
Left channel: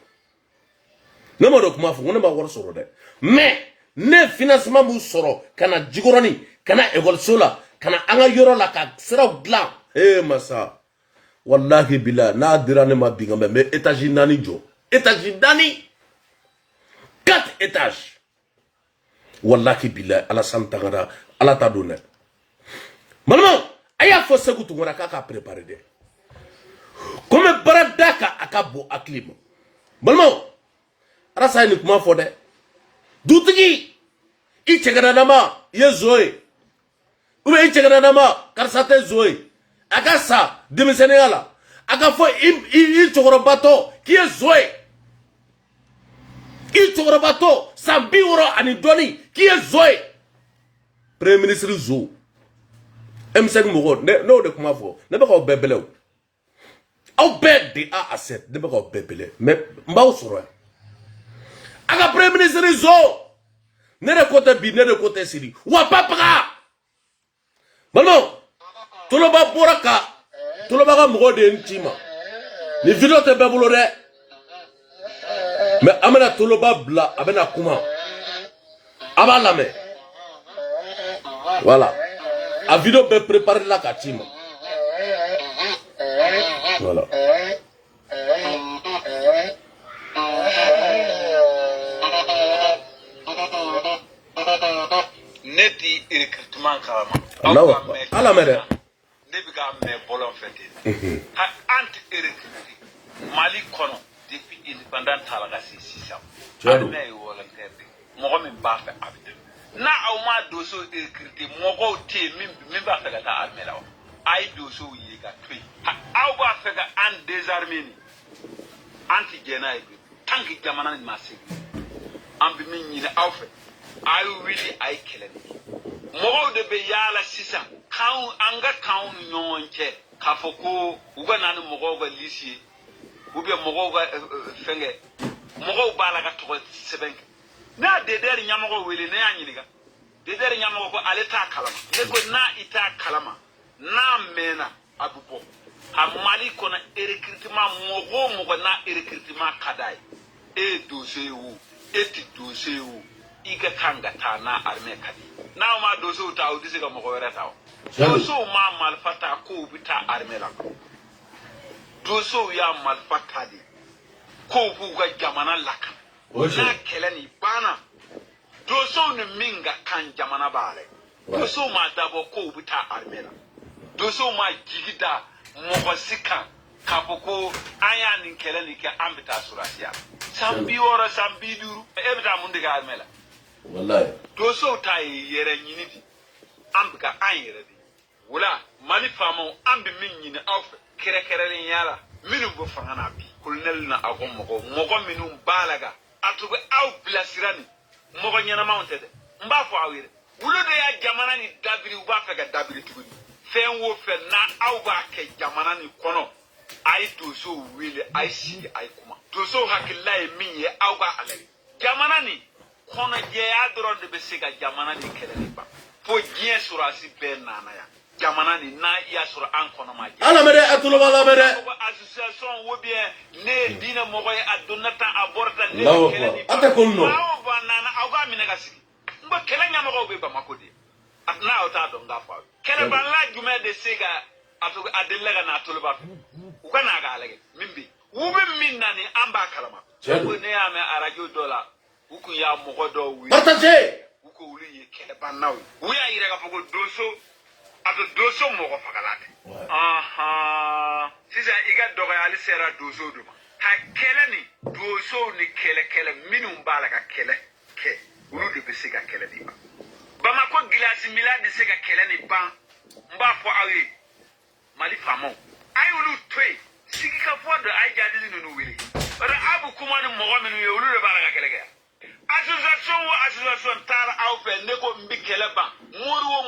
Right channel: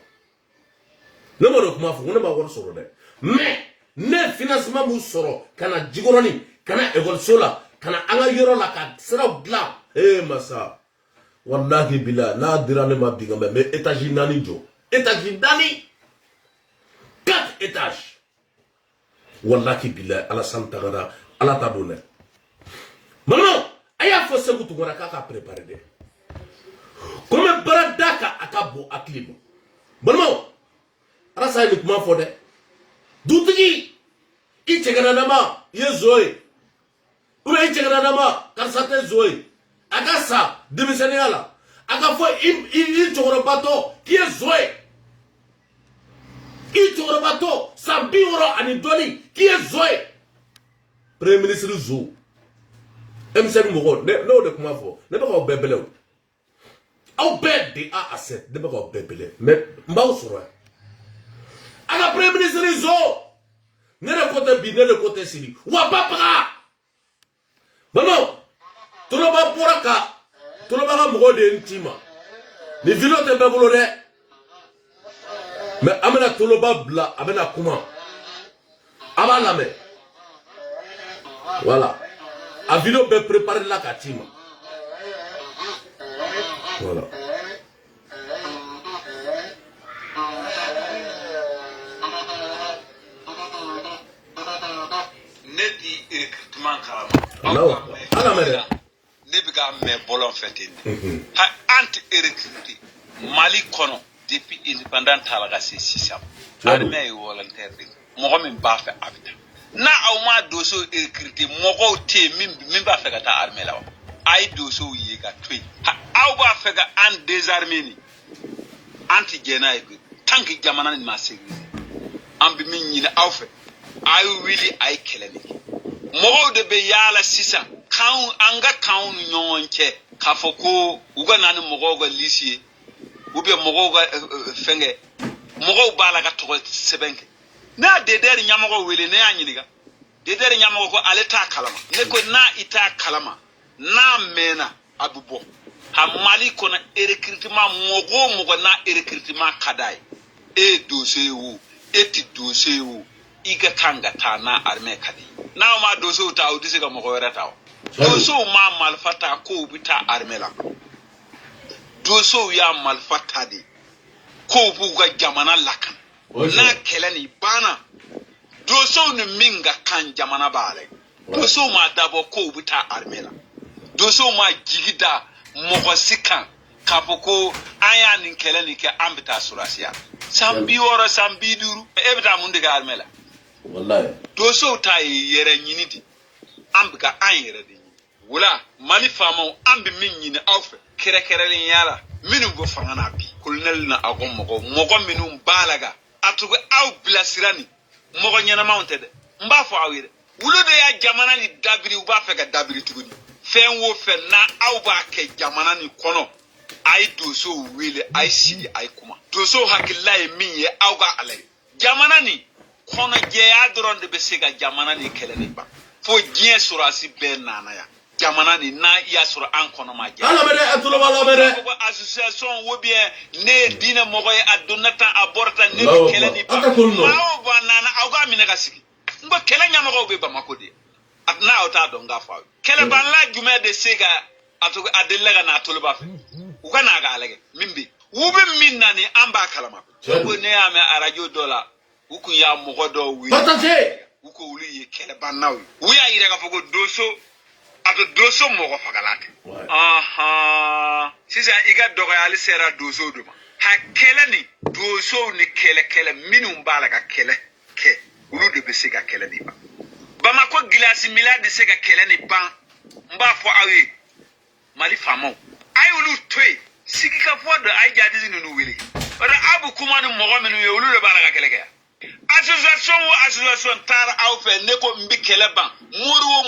ne mo do kuma fu ne ba wor soro de mais ne financement mu soro kana jigorani kana évolution la kana anga yoro la ka sera blanc masa wallahi bila na dirane ma biga mais étage nani jo étage dani 4 étages wallahi bila ala santagara ala ta dona malma aya fo segu tungora ka préparer de comme baradaka akabo aklibo malma rasa ni kuma fo de dutigi i chegana nama ye zoe ube i chegana nama karsate zoe agasa demisenegala aga fo i chogoro bato ki ye zoe i chogoro bato sambi woro ani doni ki ye zoe premier ministre zo MCN mogo ne no de kuma fo ne ba ko bebele au be de a asset ne ba ko bebele mais mbaw soro aga premier ministre zo ne de côté bi ne de côté siri wa papa bano tuloba boraka tuloba ga mogo de ntima ni video te bebulo de mais amena tuloba bla amena kuma aba lame voilà a video be préparer la katima voilà neti recrutement ala mede ne bi ka me bolon fete ha anti recruter Mali kono depuis indépendant talaga c'est 6 ans armée yi volontaire mo ko min ba fa abde na aw ma doso recruter mo ko te min ba fa ta armée la ay doso yi ga toy ha aw ba fa ga an désarmé ni anti jena e tanki jamana ni ma sécurité am bi min ñi aw fa ay wili ay keleni mo de be yala sisa kan anga kan nyonche kafoko uga nanu mo go lycée ou bien mo go fenge mo go bala ga to sebenke na de der nyamo wele ne anyiniga de der nyamo ko aleta kalama ne ko na ita kalama na mena abubo ha Mali ko na recrutement mo go na recrutement kadai e dossier wu eti dossier wu iga kanga ta na armée kadi na ma dossier ta audisi ga mo ko werata dossier ma malfata ko bita armée la dossier ya malfata di ko bu ga jamana lakan na kelani bana doso ni minga kan jamana bale doso ma dabo ko buta armela doso ma jigida mogosikan kapoko aya ni kelani ke ambita surasiya sambi woro sambi duru ebita mundiga armela wallahi doso ta yere nyinidi ambika an yere de wala Mali famo ambi min nyini awfe kere yala minu go fangana bi kolonel na agom mogo minu balaga atugo aw blasirani mogo nyana mounted mba fo awire wulo de ya jamana ni dabiri uba fe ga dabiri tugudi fen wo fe na aw ba ke jamana ni kono ay doso wile ay sidi ay kuma doso hakilla e min ye aw ga alay jamana ni kono je ya doron de be sega jamana ni keleni ba fo jien surasi be nana ya jamana ni na ya sur an kono ma je ala mede atulo wala mede association wo bien ne dina mogo e adunata aborta ne keleni ata kunno aw ba nana aw ga minaka sigi ngo kele nyama go be ba makodi at na ota do nga fa kele ban la jume de sega atu adelega na atulo ba fe u kana ga alege mimbi wu be minna ni amba kalama ko ne ya me arajo dola u ku ya mogo do wi partage u ko wuli ye kele ban nawi wu ya ire ga fogo doso ato doso mogo fagalate aha sisa iga dogo ali sera doso duma ha kele ni doso ni kele minu mbala ga kele ke ulu de bese ga kele ni ba Bamako gilasi milad de se ga kele ni ban mba fo awe Mali famo ay ulu toy sigi ka fo de ay jadi ni no wele wala abu kuma ni mogo menu ye ulu de bala ga kele ga association tara awfe neko mbi kele ban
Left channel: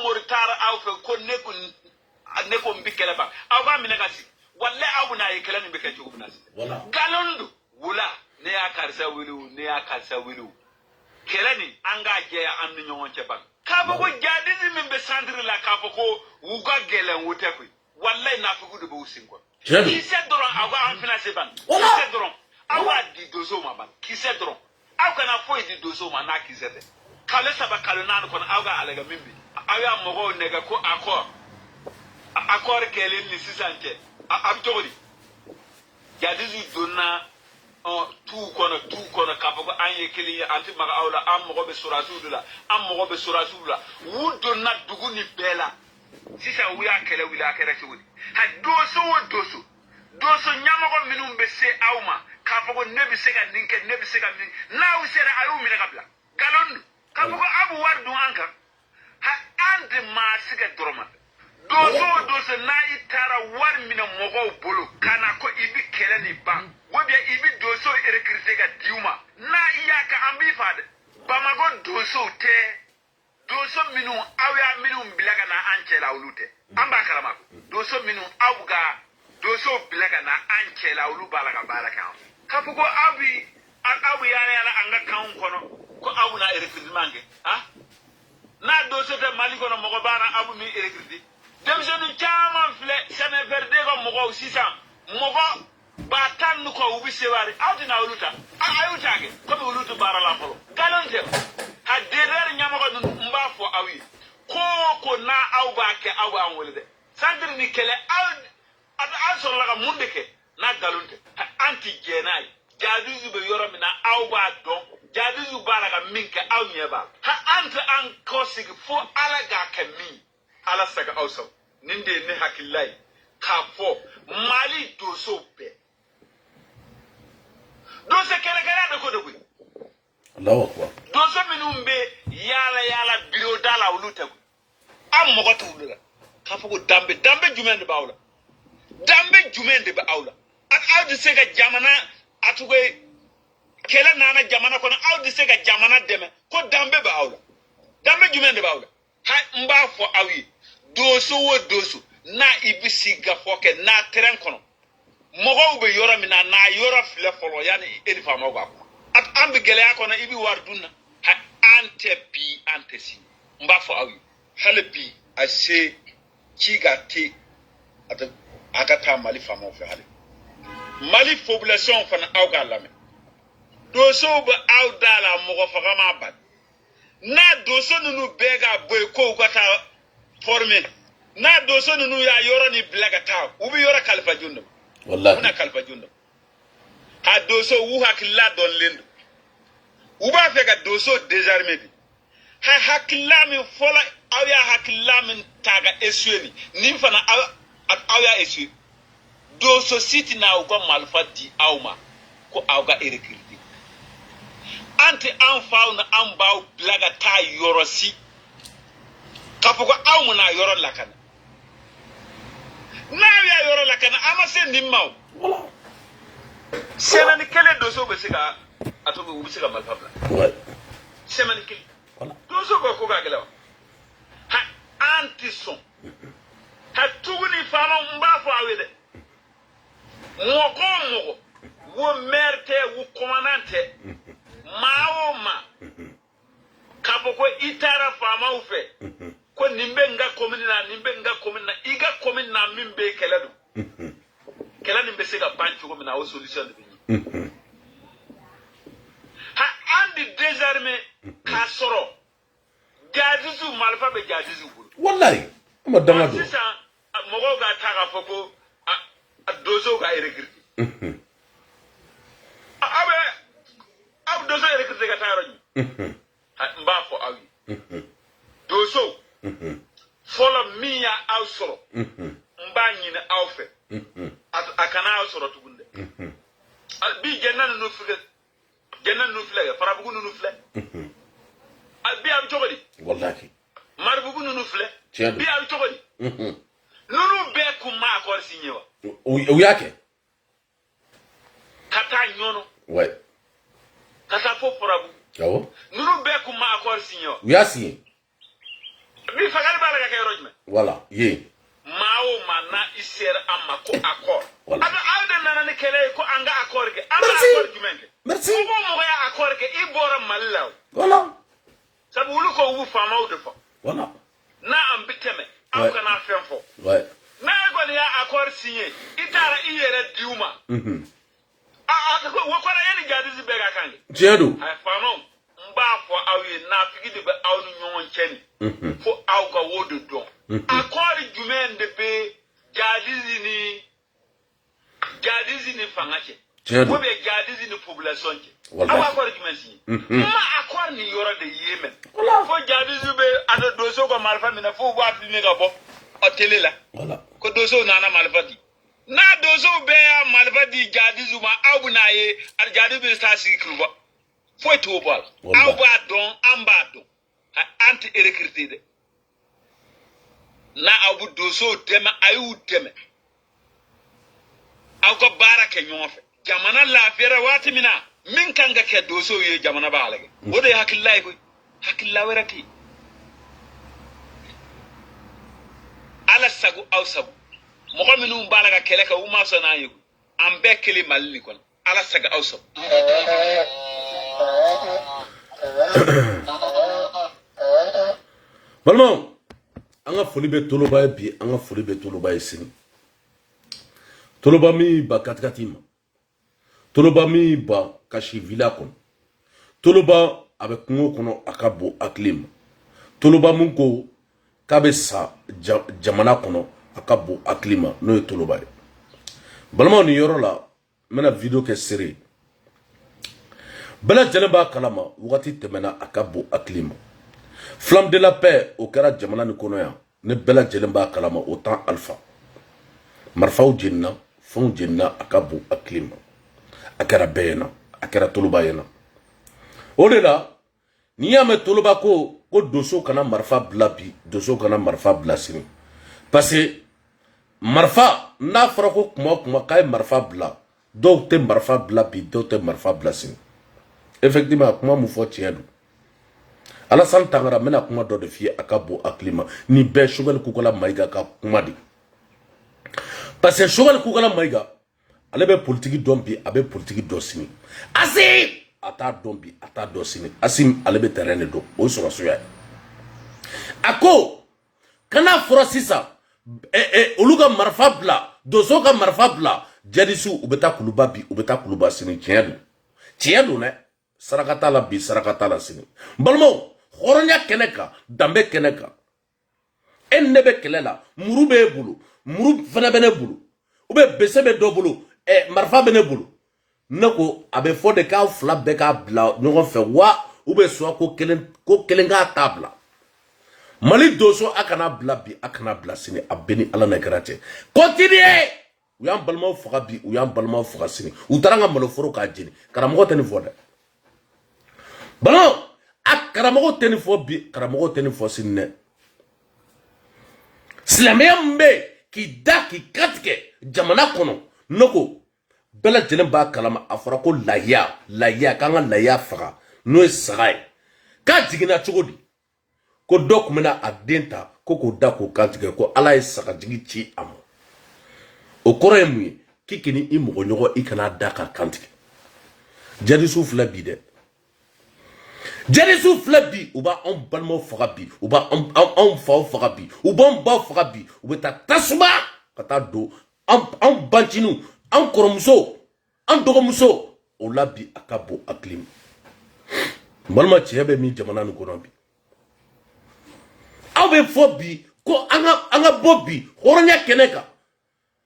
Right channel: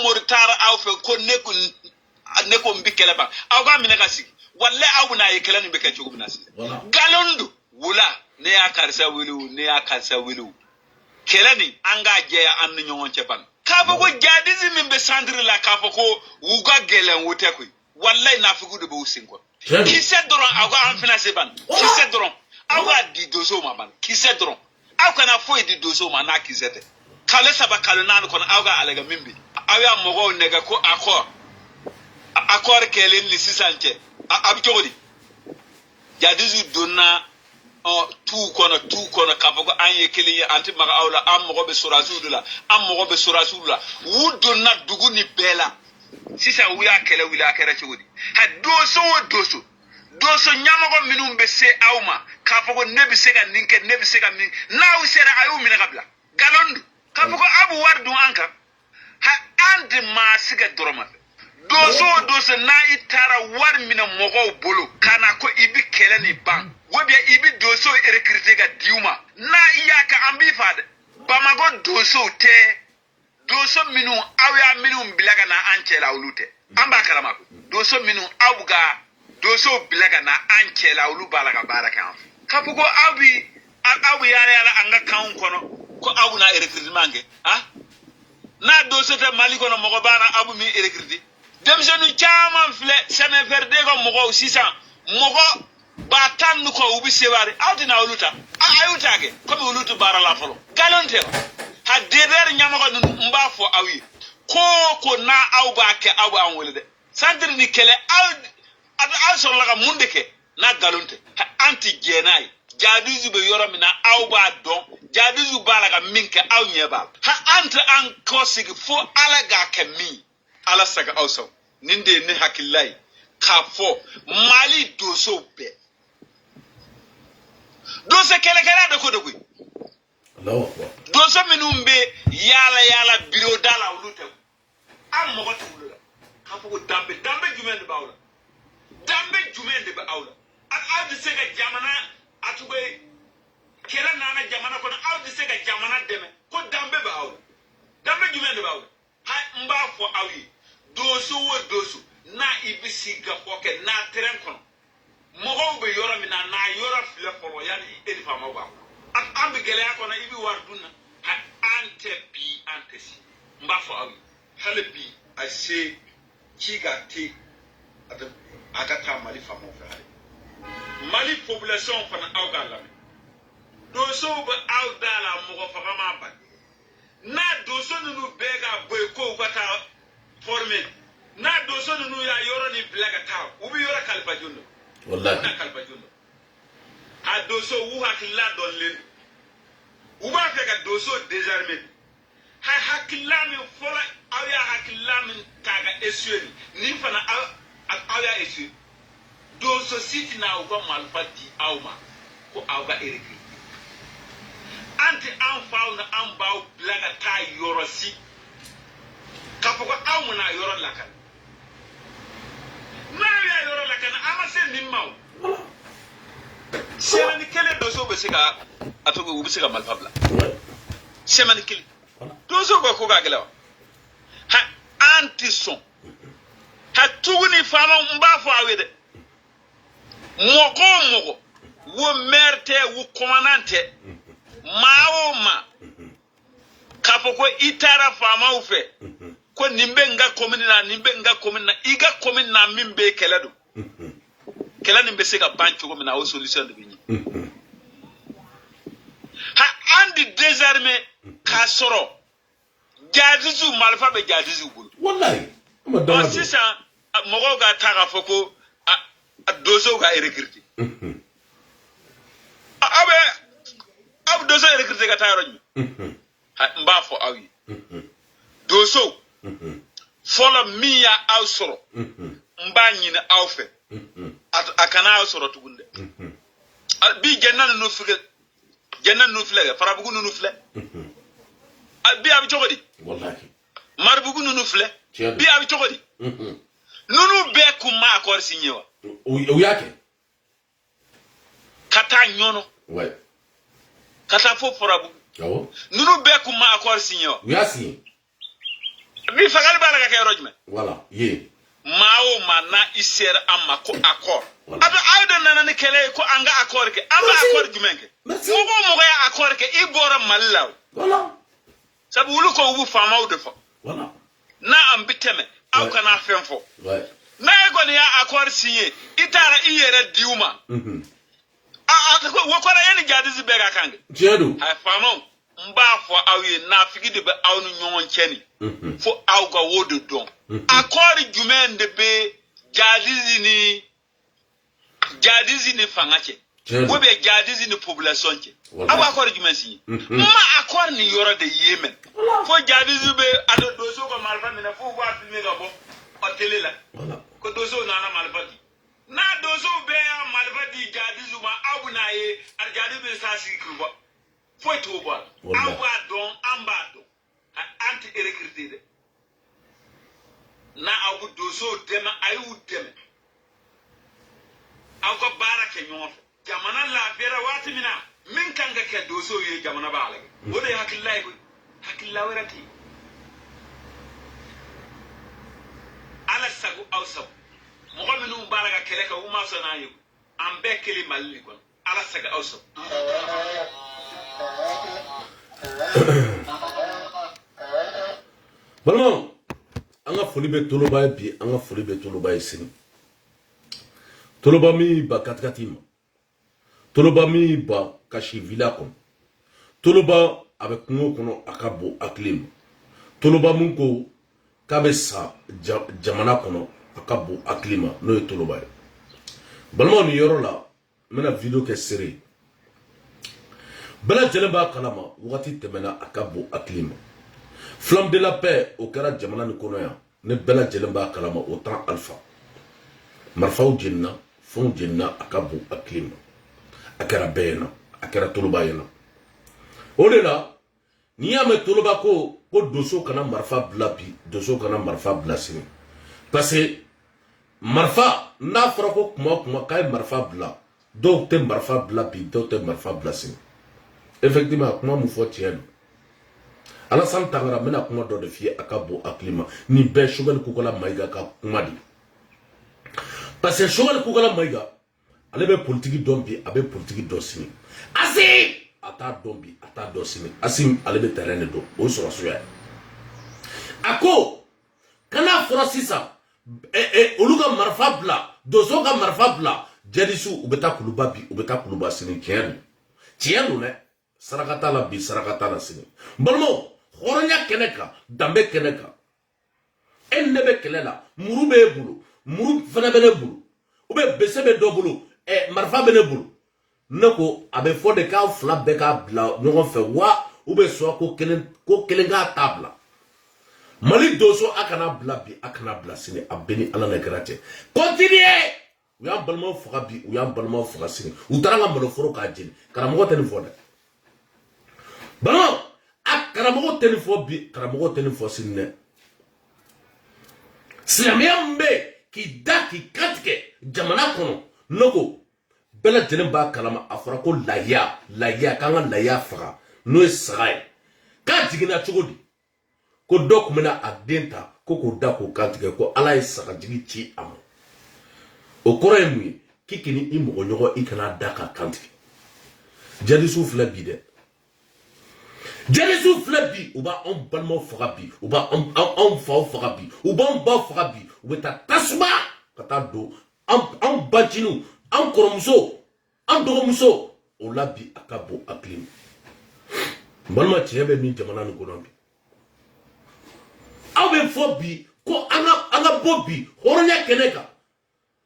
mori tara awfe ko neko mbi kele ban aw ga minaka si walla abu na ye kele ni be ka jogu binasi galondu wula ne ya karsa wulu kele ni anga je ya an nyonche ban Kafo ko jadisi min be sandre la kafo ko wuga gelen wote ko wallahi na fugu de bo sin ko ki se doron ago an finance ban ki se doron awa di dozo ma ban ki se doron aw kana fo di dozo ma na ki zete kale saba kale nan ko awa alega mimbi awa mogo nega ko akor kelen ni sisanke ab jogodi jadisi donna tu kono kafo ko anye kelen anti maga awla am mogo be surasulula am mogo be surasulula wudonna duguni bela sisa wuya kele wila kere chogodi ha doso nyamogo minum be se awma kafo ko nebi sega ninke nebi sega min naw sera ayu min kabla galon kafo ko abu wardu anka ha andi ma siga doroma doso na itara war mina mogo bolo kana ko ibi kele ni ban wobia ibi doso recruter ga diuma na iyaka ambi fade bamago doso minu awya minu bilaga na anchela ulute amba kalama doso minu awga doso bilaga na anchela ulu balaga baraka kapugo abu yara anga kaun kono ko abu na recrutement ge na doso te mali kono mogo bana abu mi recruter demsenu chama fle seme verde go mogo 600 mogo ba tan ko ubi sewari awtina uluta ayuta ge comme ulutu bara la folo galonte ha deder nyama ko mba fo awi ko na awba ke awu an wolde sandri ni kele aw so laga mundeke na galonte ha anti genai jaduzu be yoram na awba don jaduzu balaga minke aw nyeba ha anti an kosig fo alaga kemi ala saga awso ninde ne hakillai ka fo mali doso be doso kele da ko dogu Allahu akbar doso minumbe yala biro dala wuluta am mo goto wulula ka fo ko dambe jumende bawla ak awdi sega jamana atugoy kele nana jamana kono awdi sega jamana deme ko dambe jumende bawla ha mba fo awi doso na ibisi ga foke na teren kono mogo be yoro mi na yoro file folo yani eni fama ba at ambe gele akona ibi warduna ha ante si mba fo awi hale bi ase chiga te at agata mali fama of hale mali population fana awga lame doso be awdala mogo fama bad na doso nunu bega boy ko gata formé na doso nunu ya yoro ni blaga taw ubi yoro kalfa junno wallahi una kalfa junno ha doso wu hakilla don lendu uba fega doso désarmé ha hakilla mi fola awya hakilla min taga esweni ni fana awya eswi doso siti na ugo malfati awma ko awga erekirti anti an fauna an baw blaga ta yoro si kafuko awmu na yoro lakana na ya yoro lakana ama sen nimmaw wala semani kele doso be siga atogo ubi siga malfabla semani kele wala doso go ko gagela ha anti-son ha tuguni fama mba fo awede mogo wo merte wo commandante ma kapoko itara fama ufe ko nimbe nga komini na iga komini na mimbe keledu kela nimbe sega bancho ko mina o solution de bini ha andi désarmé ka soro jadizu malfa be jadizu bulu wallahi ma dama do sisa mogo ga taga foko dozo ga recruter abu dozo recruter ga taro ni mba fo awi dozo fola miya awsoro mba nyina awfe akana awsoro tugunde bi jennan no fule farabugu no fule bi abi chogodi wallahi marbugu no fule bi abi chogodi nunu be kuma akor sinyewa o yake kata nyono ouais kata fo farabugu yawo nunu be kuma akor sinyewa yasi bi fagal baraga kay rojme voilà ye mawo mana iser amma ko akor abi aydo nana ni kele ko anga akor ke anga akor jumenke merci mo ya akor ke ibora mallaw voilà sabu wulu ko wu fama o defo voilà na ambiteme aw kana fenfo ouais na ego ni ya accord signé itara iyere diuma wo ko na eni jadizi bega kange tiedo a fama mba fo awi na figi de be aw no nyon cheni fo aw ga wodo don accord jumen de be jadizi ni fangache wo be jadizi ni population che awa accord jumen si ma accord ni yoro de yemen fo jadizi be ado doso ko malfa mina fo wa fi mega bo hoteli la voilà ko doso nana malfadi na doso be malfadi jadizi ma aw na ye ar jadizi be sa sikruba foi to bol awa don ambado anti recruter na abu doso deme ayu deme ako baraka nyofe jamana la fere wati mina min kanga ke doso ye jamana balage wode hakillay ko hakilla werati ala sagu aw sagu mo ko minum balaga kele ka uma sona yugo ambe kele malni kon ala saga aw sagu balmo anga foli be toloba bi anga foli be toloba sini toloba mi ba katkatima toloba mi ba kashi villa kon toloba avec kungo kono akabo aklim toloba munko kabe sa jamana kono akabo aklima no toloba de balmo ni yoro la mena video ke série bala jalaba kalama wakati temena akabo aklima flamme de la paix au kera jamana ni kono ya ne bela jalaba kalama autant alpha marfaw jenna fon jenna akabo aklima akara bena akara toloba yana odela ni ya me toloba ko doso kana marfa blabi doso kana marfa blasini parce que marfa na fara ko kuma kay marfa bla do te marfa blabi do te marfa blasini effectivement kuma mu fo tiendo ala san tangara mena kuma do de fi akabo aklima ni be shogal kukola maiga ka kuma di parce que shogal kukola maiga ale be politique dombi abe politique dosini asi ata dombi ata dosini asim ale be terrain do o so soya ako kana frosisa oluga marfa bla dozo ka marfa bla jadisu ubeta kuluba sini tiendo ne sarakata la bi sarakata la sini balmo horonya keneka dambe keneka ennebe kelela muru be bulu muru fana bene bulu ube besebe do bulu marfa bene bulu nako abe fode ka fla be ka bla nyogon fe wa ube so ko kelen ga tabla mali doso akana bla bi akana bla sini abeni ala na grate continue uyam balmo faga bi uyam balmo faga sini utaranga malo foro ka jini karamo teni fode balmo akaramo teni fo bi karamo teni fo sinne slamembe ki daki katke jamana kono noko bela jenen ba kalama afara ko laya kanga laya faga no sagai ka jigina chogodi ko dokumena adenta ko da ko katke ko ala saga jigi ci am o koremu kikini imo nyogo ikana daka kantike jadi soufla bi de jadi soufla bi uba on balmo faga bi uba on faga bi uba on ba faga bi ubeta tasuma kata do on bantinu an koromuso an dogomuso o labi akabo aklim balma tiebe mi jamana ni kono bi abe fobi ko anga bobi horonya keneka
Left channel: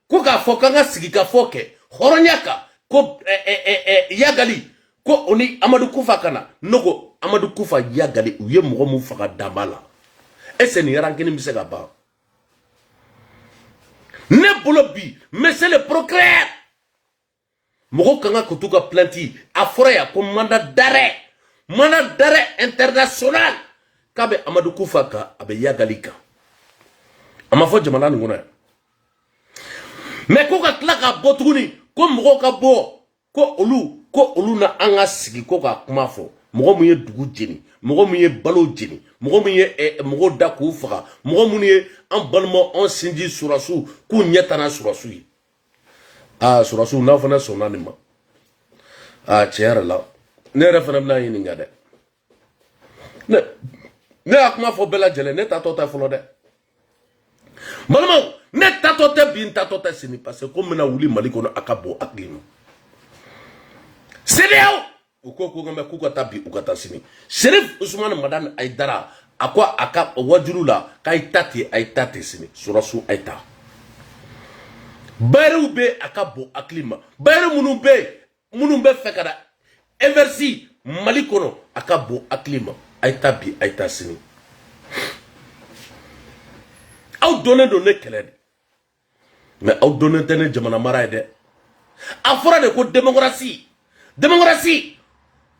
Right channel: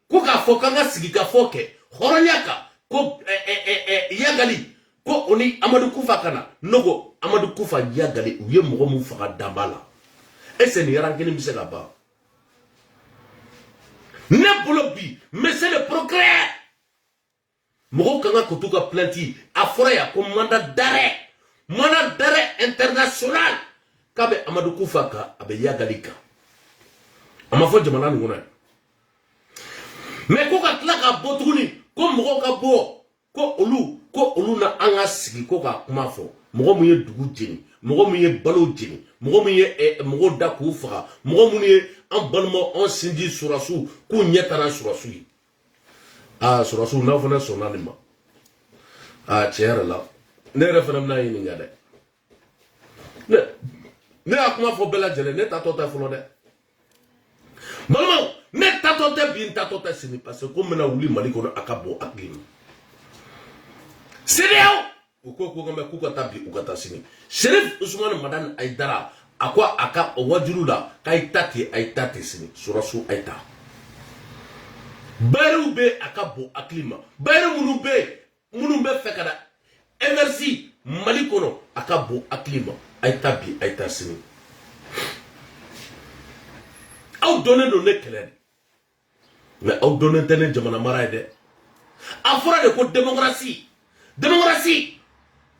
ko ka fokanga sigika foke horonya ka ko yagali ko oni Amadou Koufa kana nogo Amadou Koufa yagali uye mogo mu faga dabala ese ni rankini misega ba ne bolo bi mais c'est le progrès mogo kanga kutuka planti afora ya ko mandat d'arrêt international kabe Amadou Koufa ka abe yagalika amafo jamana ngona mais ko ka tlaka botuguni ko mogo ka bo ko olu na anga sigi ko ka kuma fo mogo mu ye dugu jeni mogo mu ye balo jeni mogo mu ye mogo da ku faga mogo mu ye an balmo on sindi surasu ku nyetana surasu yi surasu na fana sona ni ma tiara la ne refana na yini ngade Ne a kuma fɔ bɛɛ lajɛlen ne tatɔ tɛ fɔlɔ dɛ balimaw ne tatɔ tɛ bi n tatɔ tɛ sini parce que ko n bɛna wuli Mali kɔnɔ a ka bon hakili ma CEDEAO u ko ko nka k'u ka taa bi u ka taa sini Serif Usumani Madani Ayidara a ko a ka wajulu la k'a ye ta ten a ye ta ten sini sɔrɔsu a ye ta bayɛriw bɛ a ka bon hakili ma bayɛri minnu bɛ fɛ ka na eversi Mali kɔnɔ a ka bon hakili ma a ye ta bi a ye ta sini aw donnen don ne kɛlɛ de mais aw donnen tɛ ne jamana mara ye dɛ a fɔra de ko démocratie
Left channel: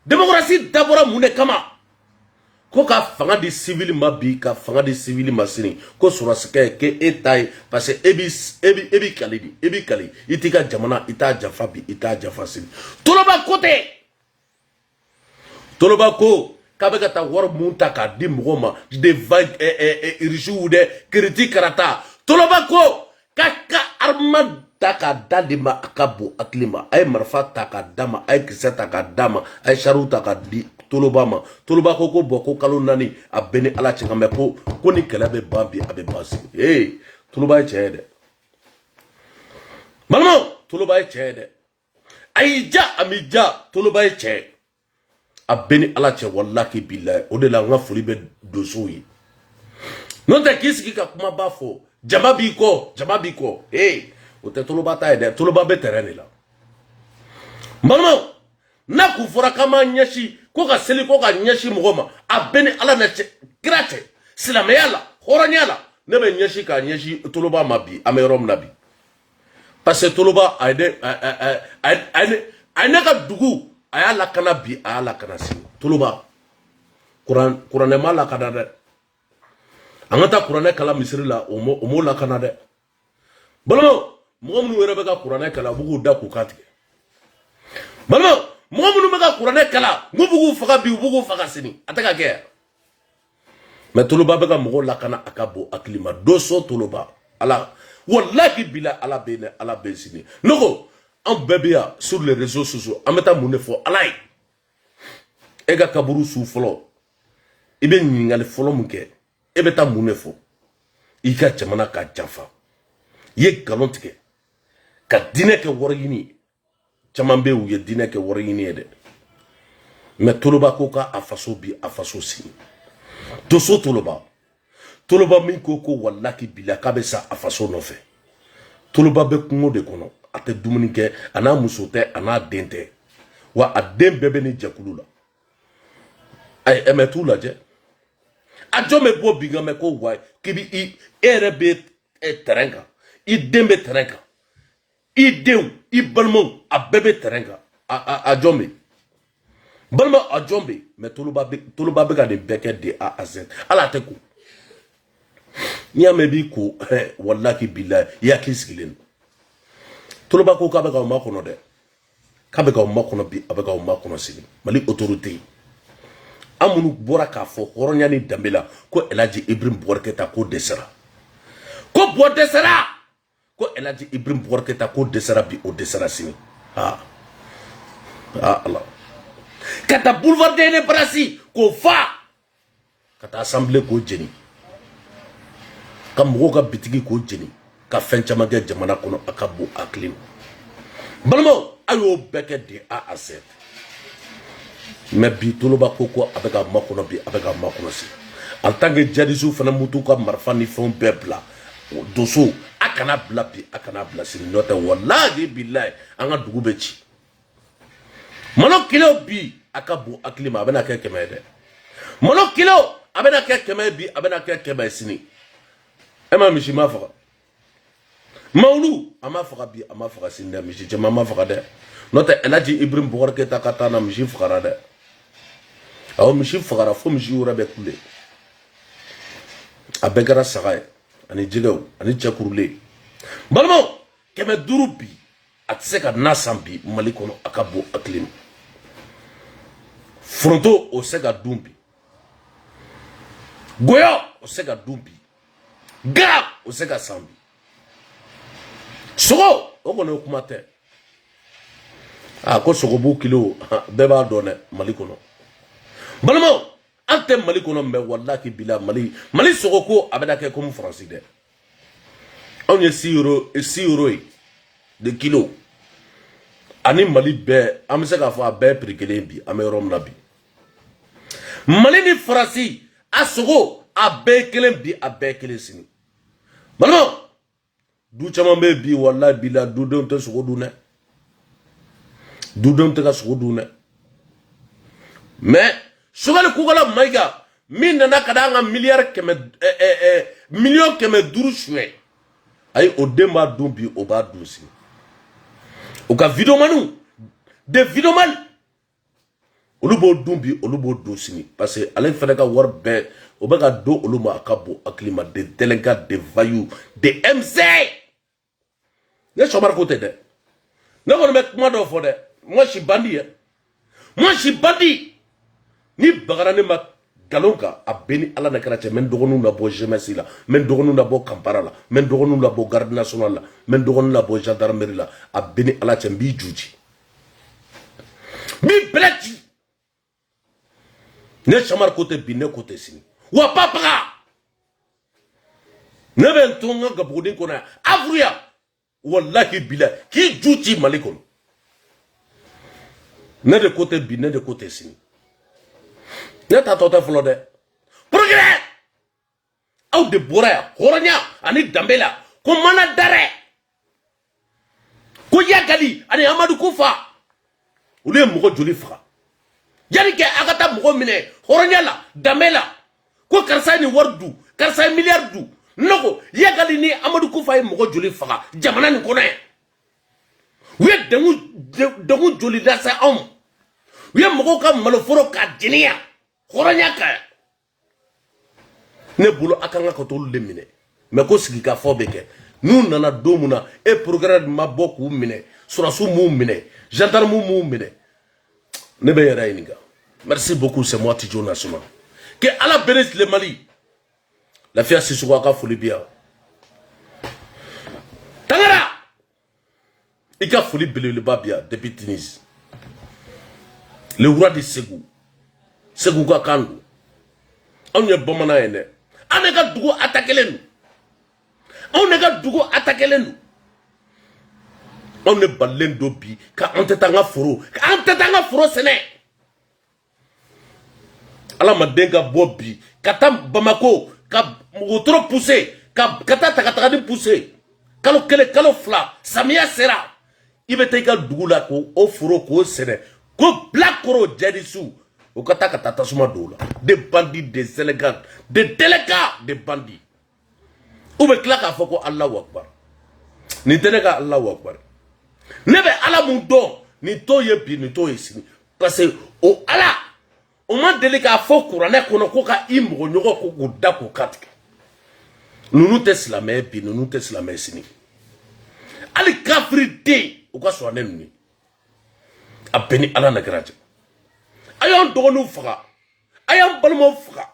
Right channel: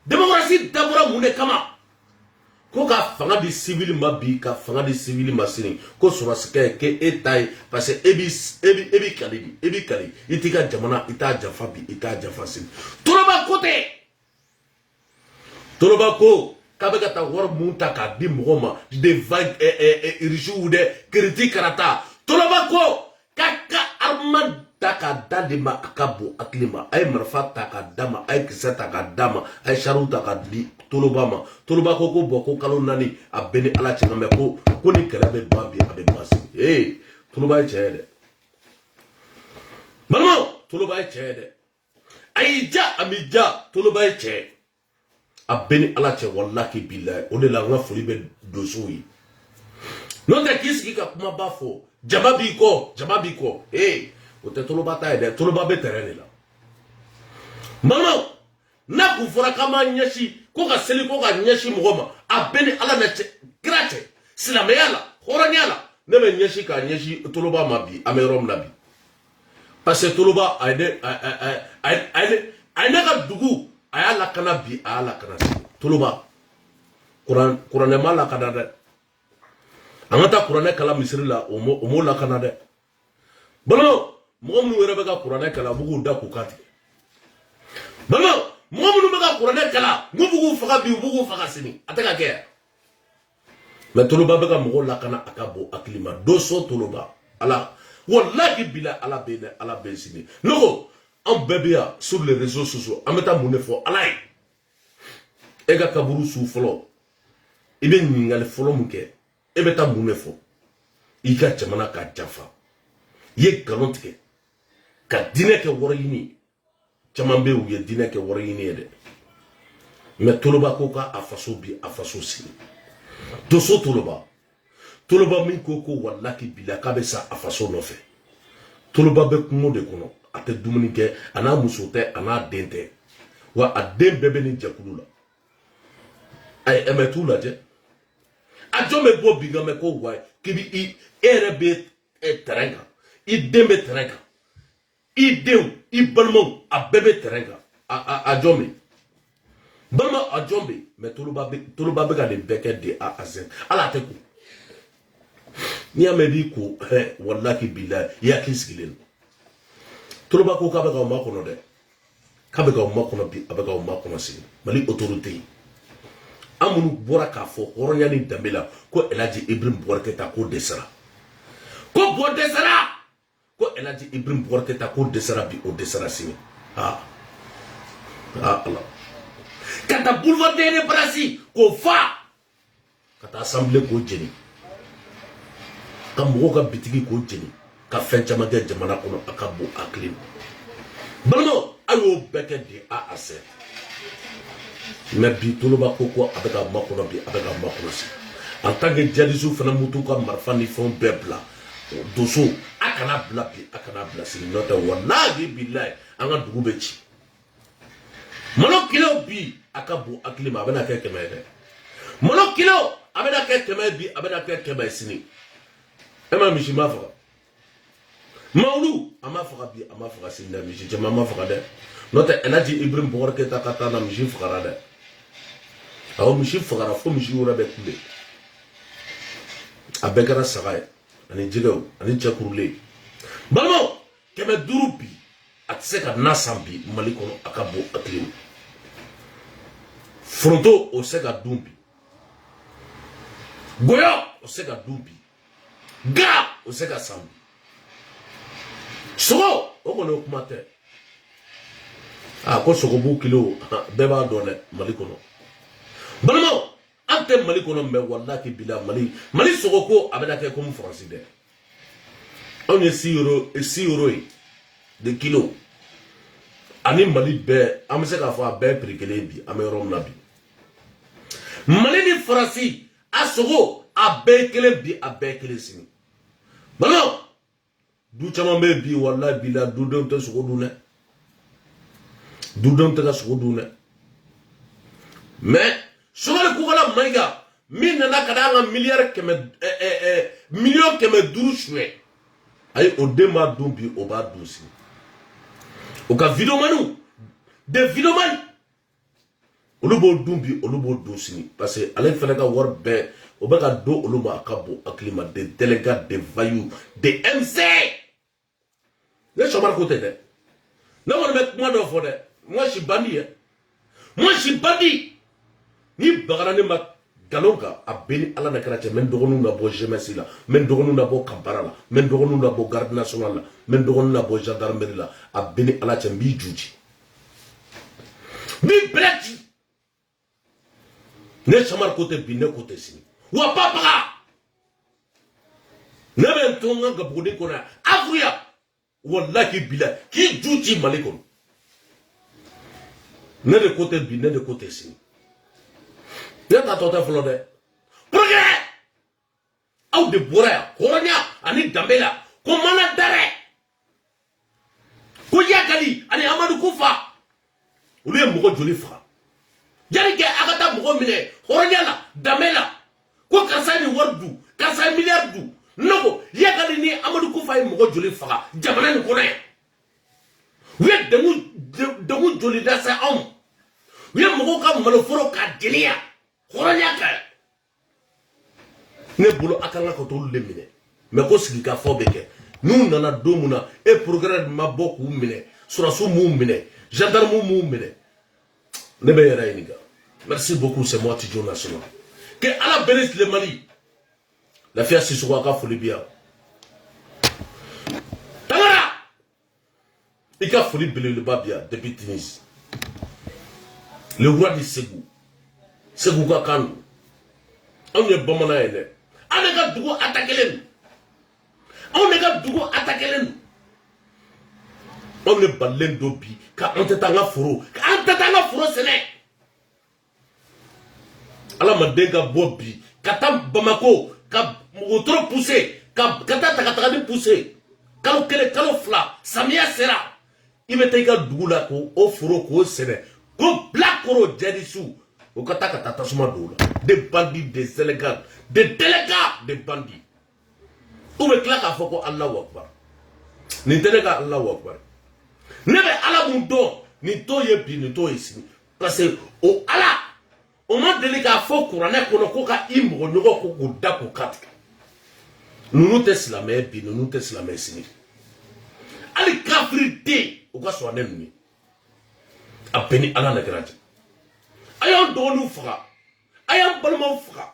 dabɔra mun de kama ko ka fanga di civil ma bi ka fanga di civil ma sini ko sɔrɔsikɛ ke e ta ye parce que e bi kali i t'i ka jamana i t'a jafa bi i t'a jafa sini Toloba ko tɛ Toloba ko k'a bɛ ka taa wari mun ta k'a di mɔgɔw ma de irisiw dɛ kiriti karata Toloba ko k'a ka arma ta k'a da de ma a ka bon hakili ma a ye marifa ta k'a d'a ma a ye kisɛ ta k'a d'a ma a ye sariw ta k'a di Toloba ma Toloba ko bɔn ko kalo 4 a bɛ ni Ala cɛ mɛ ko ni kɛlɛ bɛ ban bi a bɛ ban sini Toloba ye tiɲɛ ye dɛ balimaw Toloba ye tiɲɛ ye dɛ a y'i ja a m'i ja Toloba ye tiɲɛ a bɛ ni Ala cɛ wallahi billahi o de la n ka foli bɛ donsow ye n'o tɛ k'i sigi ka kumaba fɔ jama b'i kɔ o tɛ Toloba ta ye dɛ Toloba bɛ terrain de la balimaw n'a kun fɔra k'an b'an ɲɛsin ko ka seli ko ka ɲɛsin mɔgɔ ma a bɛ ni Ala na cɛ kira cɛ silamɛya la hɔrɔnya la ne bɛ ɲɛsin k'a ɲɛsin Toloba ma bi an bɛ yɔrɔ min na bi parce que Toloba a ye ne ka dugu a y'a lakana bi a y'a lakana sini Toloba kuranɛ ma lakana dɛ an ka taa kuranɛ kala misiri la o m'o lakana dɛ balimaw mɔgɔ minnu yɛrɛ bɛ ka kuranɛ kala u b'u k'u da k'u kan tigɛ balimaw mɔgɔ minnu bɛ ka kuranɛ kala n'u b'u k'u faga bi u b'u k'u faga sini a tɛ ka kɛ mais Toloba bɛ ka mɔgɔw lakana a ka bon hakili ma doso Toloba Ala wallahi bila Ala bɛ sini ne ko an bɛɛ bɛ yan sur les réseaux sociaux an bɛ taa mun de fɔ Ala ye e ka kaburu su fɔlɔ i bɛ ɲininkali fɔlɔ mun kɛ e bɛ taa mun de fɔ i ka jamana ka janfa i ye nkalon tigɛ ka diinɛ kɛ wari ɲini caman bɛ u ye diinɛ kɛ wari ɲini ye dɛ mais Toloba ko k'a faso bi a faso sini doso Toloba min ko wallahi bila k'a bɛ sa a faso nɔfɛ Toloba bɛ kungo de kɔnɔ a tɛ dumuni kɛ a n'a muso tɛ a n'a den tɛ wa a den bɛɛ bɛ ni jɛkulu la a ye MTU lajɛ a jɔn bɛ bɔ bin kan mɛ ko wa k'i bi e yɛrɛ bɛ terrain kan i den bɛ terrain kan i denw i balimaw a bɛɛ bɛ terrain kan a jɔn bɛ balima a jɔn bɛ mais Toloba bɛ ka nin bɛɛ kɛ de A à Z ala tɛ ko n'i y'a mɛn b'i ko wallahi billahi i hakili sigilen don Toloba ko k'a bɛ k'aw makɔnɔ dɛ k'a bɛ k'aw makɔnɔ bi a bɛ k'aw makɔnɔ sigi Mali autorité an minnu bɔra k'a fɔ hɔrɔnya ni danbe la ko Elhaji Ibrahim Boubacar Keïta ko dɛsɛra ko bɔ dɛsɛra ko Elhaji Ibrahim Boubacar Keïta ko dɛsɛra bi o dɛsɛra sini Ala ka taa boulevard de l'Indépendance k'o fa ka taa assemblée k'o jeni ka mɔgɔw ka bitigi k'o jeni ka fɛn caman kɛ jamana kɔnɔ a ka bon hakili ma balimaw a y'o bɛɛ kɛ de A à Z mais bi Toloba ko a bɛ ka makɔnɔ bi a bɛ ka makɔnɔ si en tant que djihadistes fana mutu ka marifa ni fɛnw bɛɛ bila doso a kana bila bi a kana bila sini n'o tɛ wallahi billahi an ka dugu bɛ ci malo kilo bi a ka bon hakili ma a bɛna kɛ 100 ye dɛ malo kilo a bɛna kɛ 100 bi a bɛna kɛ 100 sini e ma misi ma faga Mawulu a ma faga bi a ma faga sini dɛ misi caman ma faga dɛ n'o tɛ Elhaji Ibrahim Boubacar Keïta ka taa na misi fagara dɛ awɔ misi fagara fo misi wɛrɛ bɛ kule a bɛɛ kɛra saga ye ani jɛgɛw ani cɛkurulen balimaw 500 bi a tɛ se ka na san bi Mali kɔnɔ a ka bon hakili ma foronto o se ka dun bi goyɔ o se ka dun bi ga o se ka san bi sogo o kɔni o kuma tɛ ko sogobu kilo bɛɛ b'a dɔn dɛ Mali kɔnɔ balimaw ante mali kono me wallahi bila mali sogoko abeda ke comme français de on est 6 euros de kilo ani mali be amse ka fa be prikele bi amerom na bi mali ni français asogo abe kelen bi abe kelen sini malo du chama be bi wallahi bila du don te sogo du ne du don te ka sogo du ne mais sogal kugala maiga min nana kadanga milliard million keme duru chwe ay o dema dumbi o ba dusi o ka video manu de video mal olubo dumbi olubo dosini parce que alain fele ka wor be o ba ka do oluma akabo aklima de délégat de vaillou de MC ne chomar côté de ne won me kuma do fo de moi je suis bandit moi je suis bandit ni bagara ne ma galonka a beni ala na karache men dogonu na bo jeunesse la men dogonu na bo campara la men dogonu na bo garde nationale la men dogonu na bo gendarmerie la a beni ala che mbi juji mi bleti ne chamar côté bi ne côté sini wa papa ne ben tonga gabodin kona avruya wallahi bila ki juji malikon ne de côté bi ne de côté sini ne ta tota flo de progrès au de boraya koranya ani dambela ko mana dare ko yagali ani amadou kufa ule mugo joli fra yari ke akata mugo mine koranya la dambela ko karsa ni wardu karsa milliardu noko yagali ni amadou kufa mugo joli fra jamana ni kona we demu joli da sa we mugo ka maloforo ka dinia Koranyaka ne bolo akanga ko tolu le mine me ko sigi ka fo beke nu nana domuna e programme ma boku mine surasu mu mine gendarme mu mine ne be yara iniga merci beaucoup c'est moi Tidjo National que ala bénisse le Mali la fia Sissoko ka foli bien tangara ika foli bele le babia depuis Tunis le roi de Ségou Ségou ka kandu on ye bamana ene anega dugo atakelen on nega dugo atakelen on ne balen do bi ka antetanga foro sene ala madenga bobi katam bamako ka motro pousser ka kata takataka di pousser kalo kele kalo fla samia sera ibeteka dugo la ko o foro ko sene ko black koro jadisu au Kataka Tatasuma Doula, des bandits, des élégants, des délégats, des bandits. Où me claque à Foko Allah Wakbar. Ni tenega Allah Wakbar. Nebe Allah Mundo, ni to yepi, ni to ici. Parce que, au Allah, au moins délégué à Foko, on a konokoka imbo, nyoko koko dako katka. Nous nous tesons la main, puis nous nous tesons la main sini. Ali kafrité, au cas soit n'ennemi. A béni Allah Nagraja. Ayant dono fra, ayant balmo fra,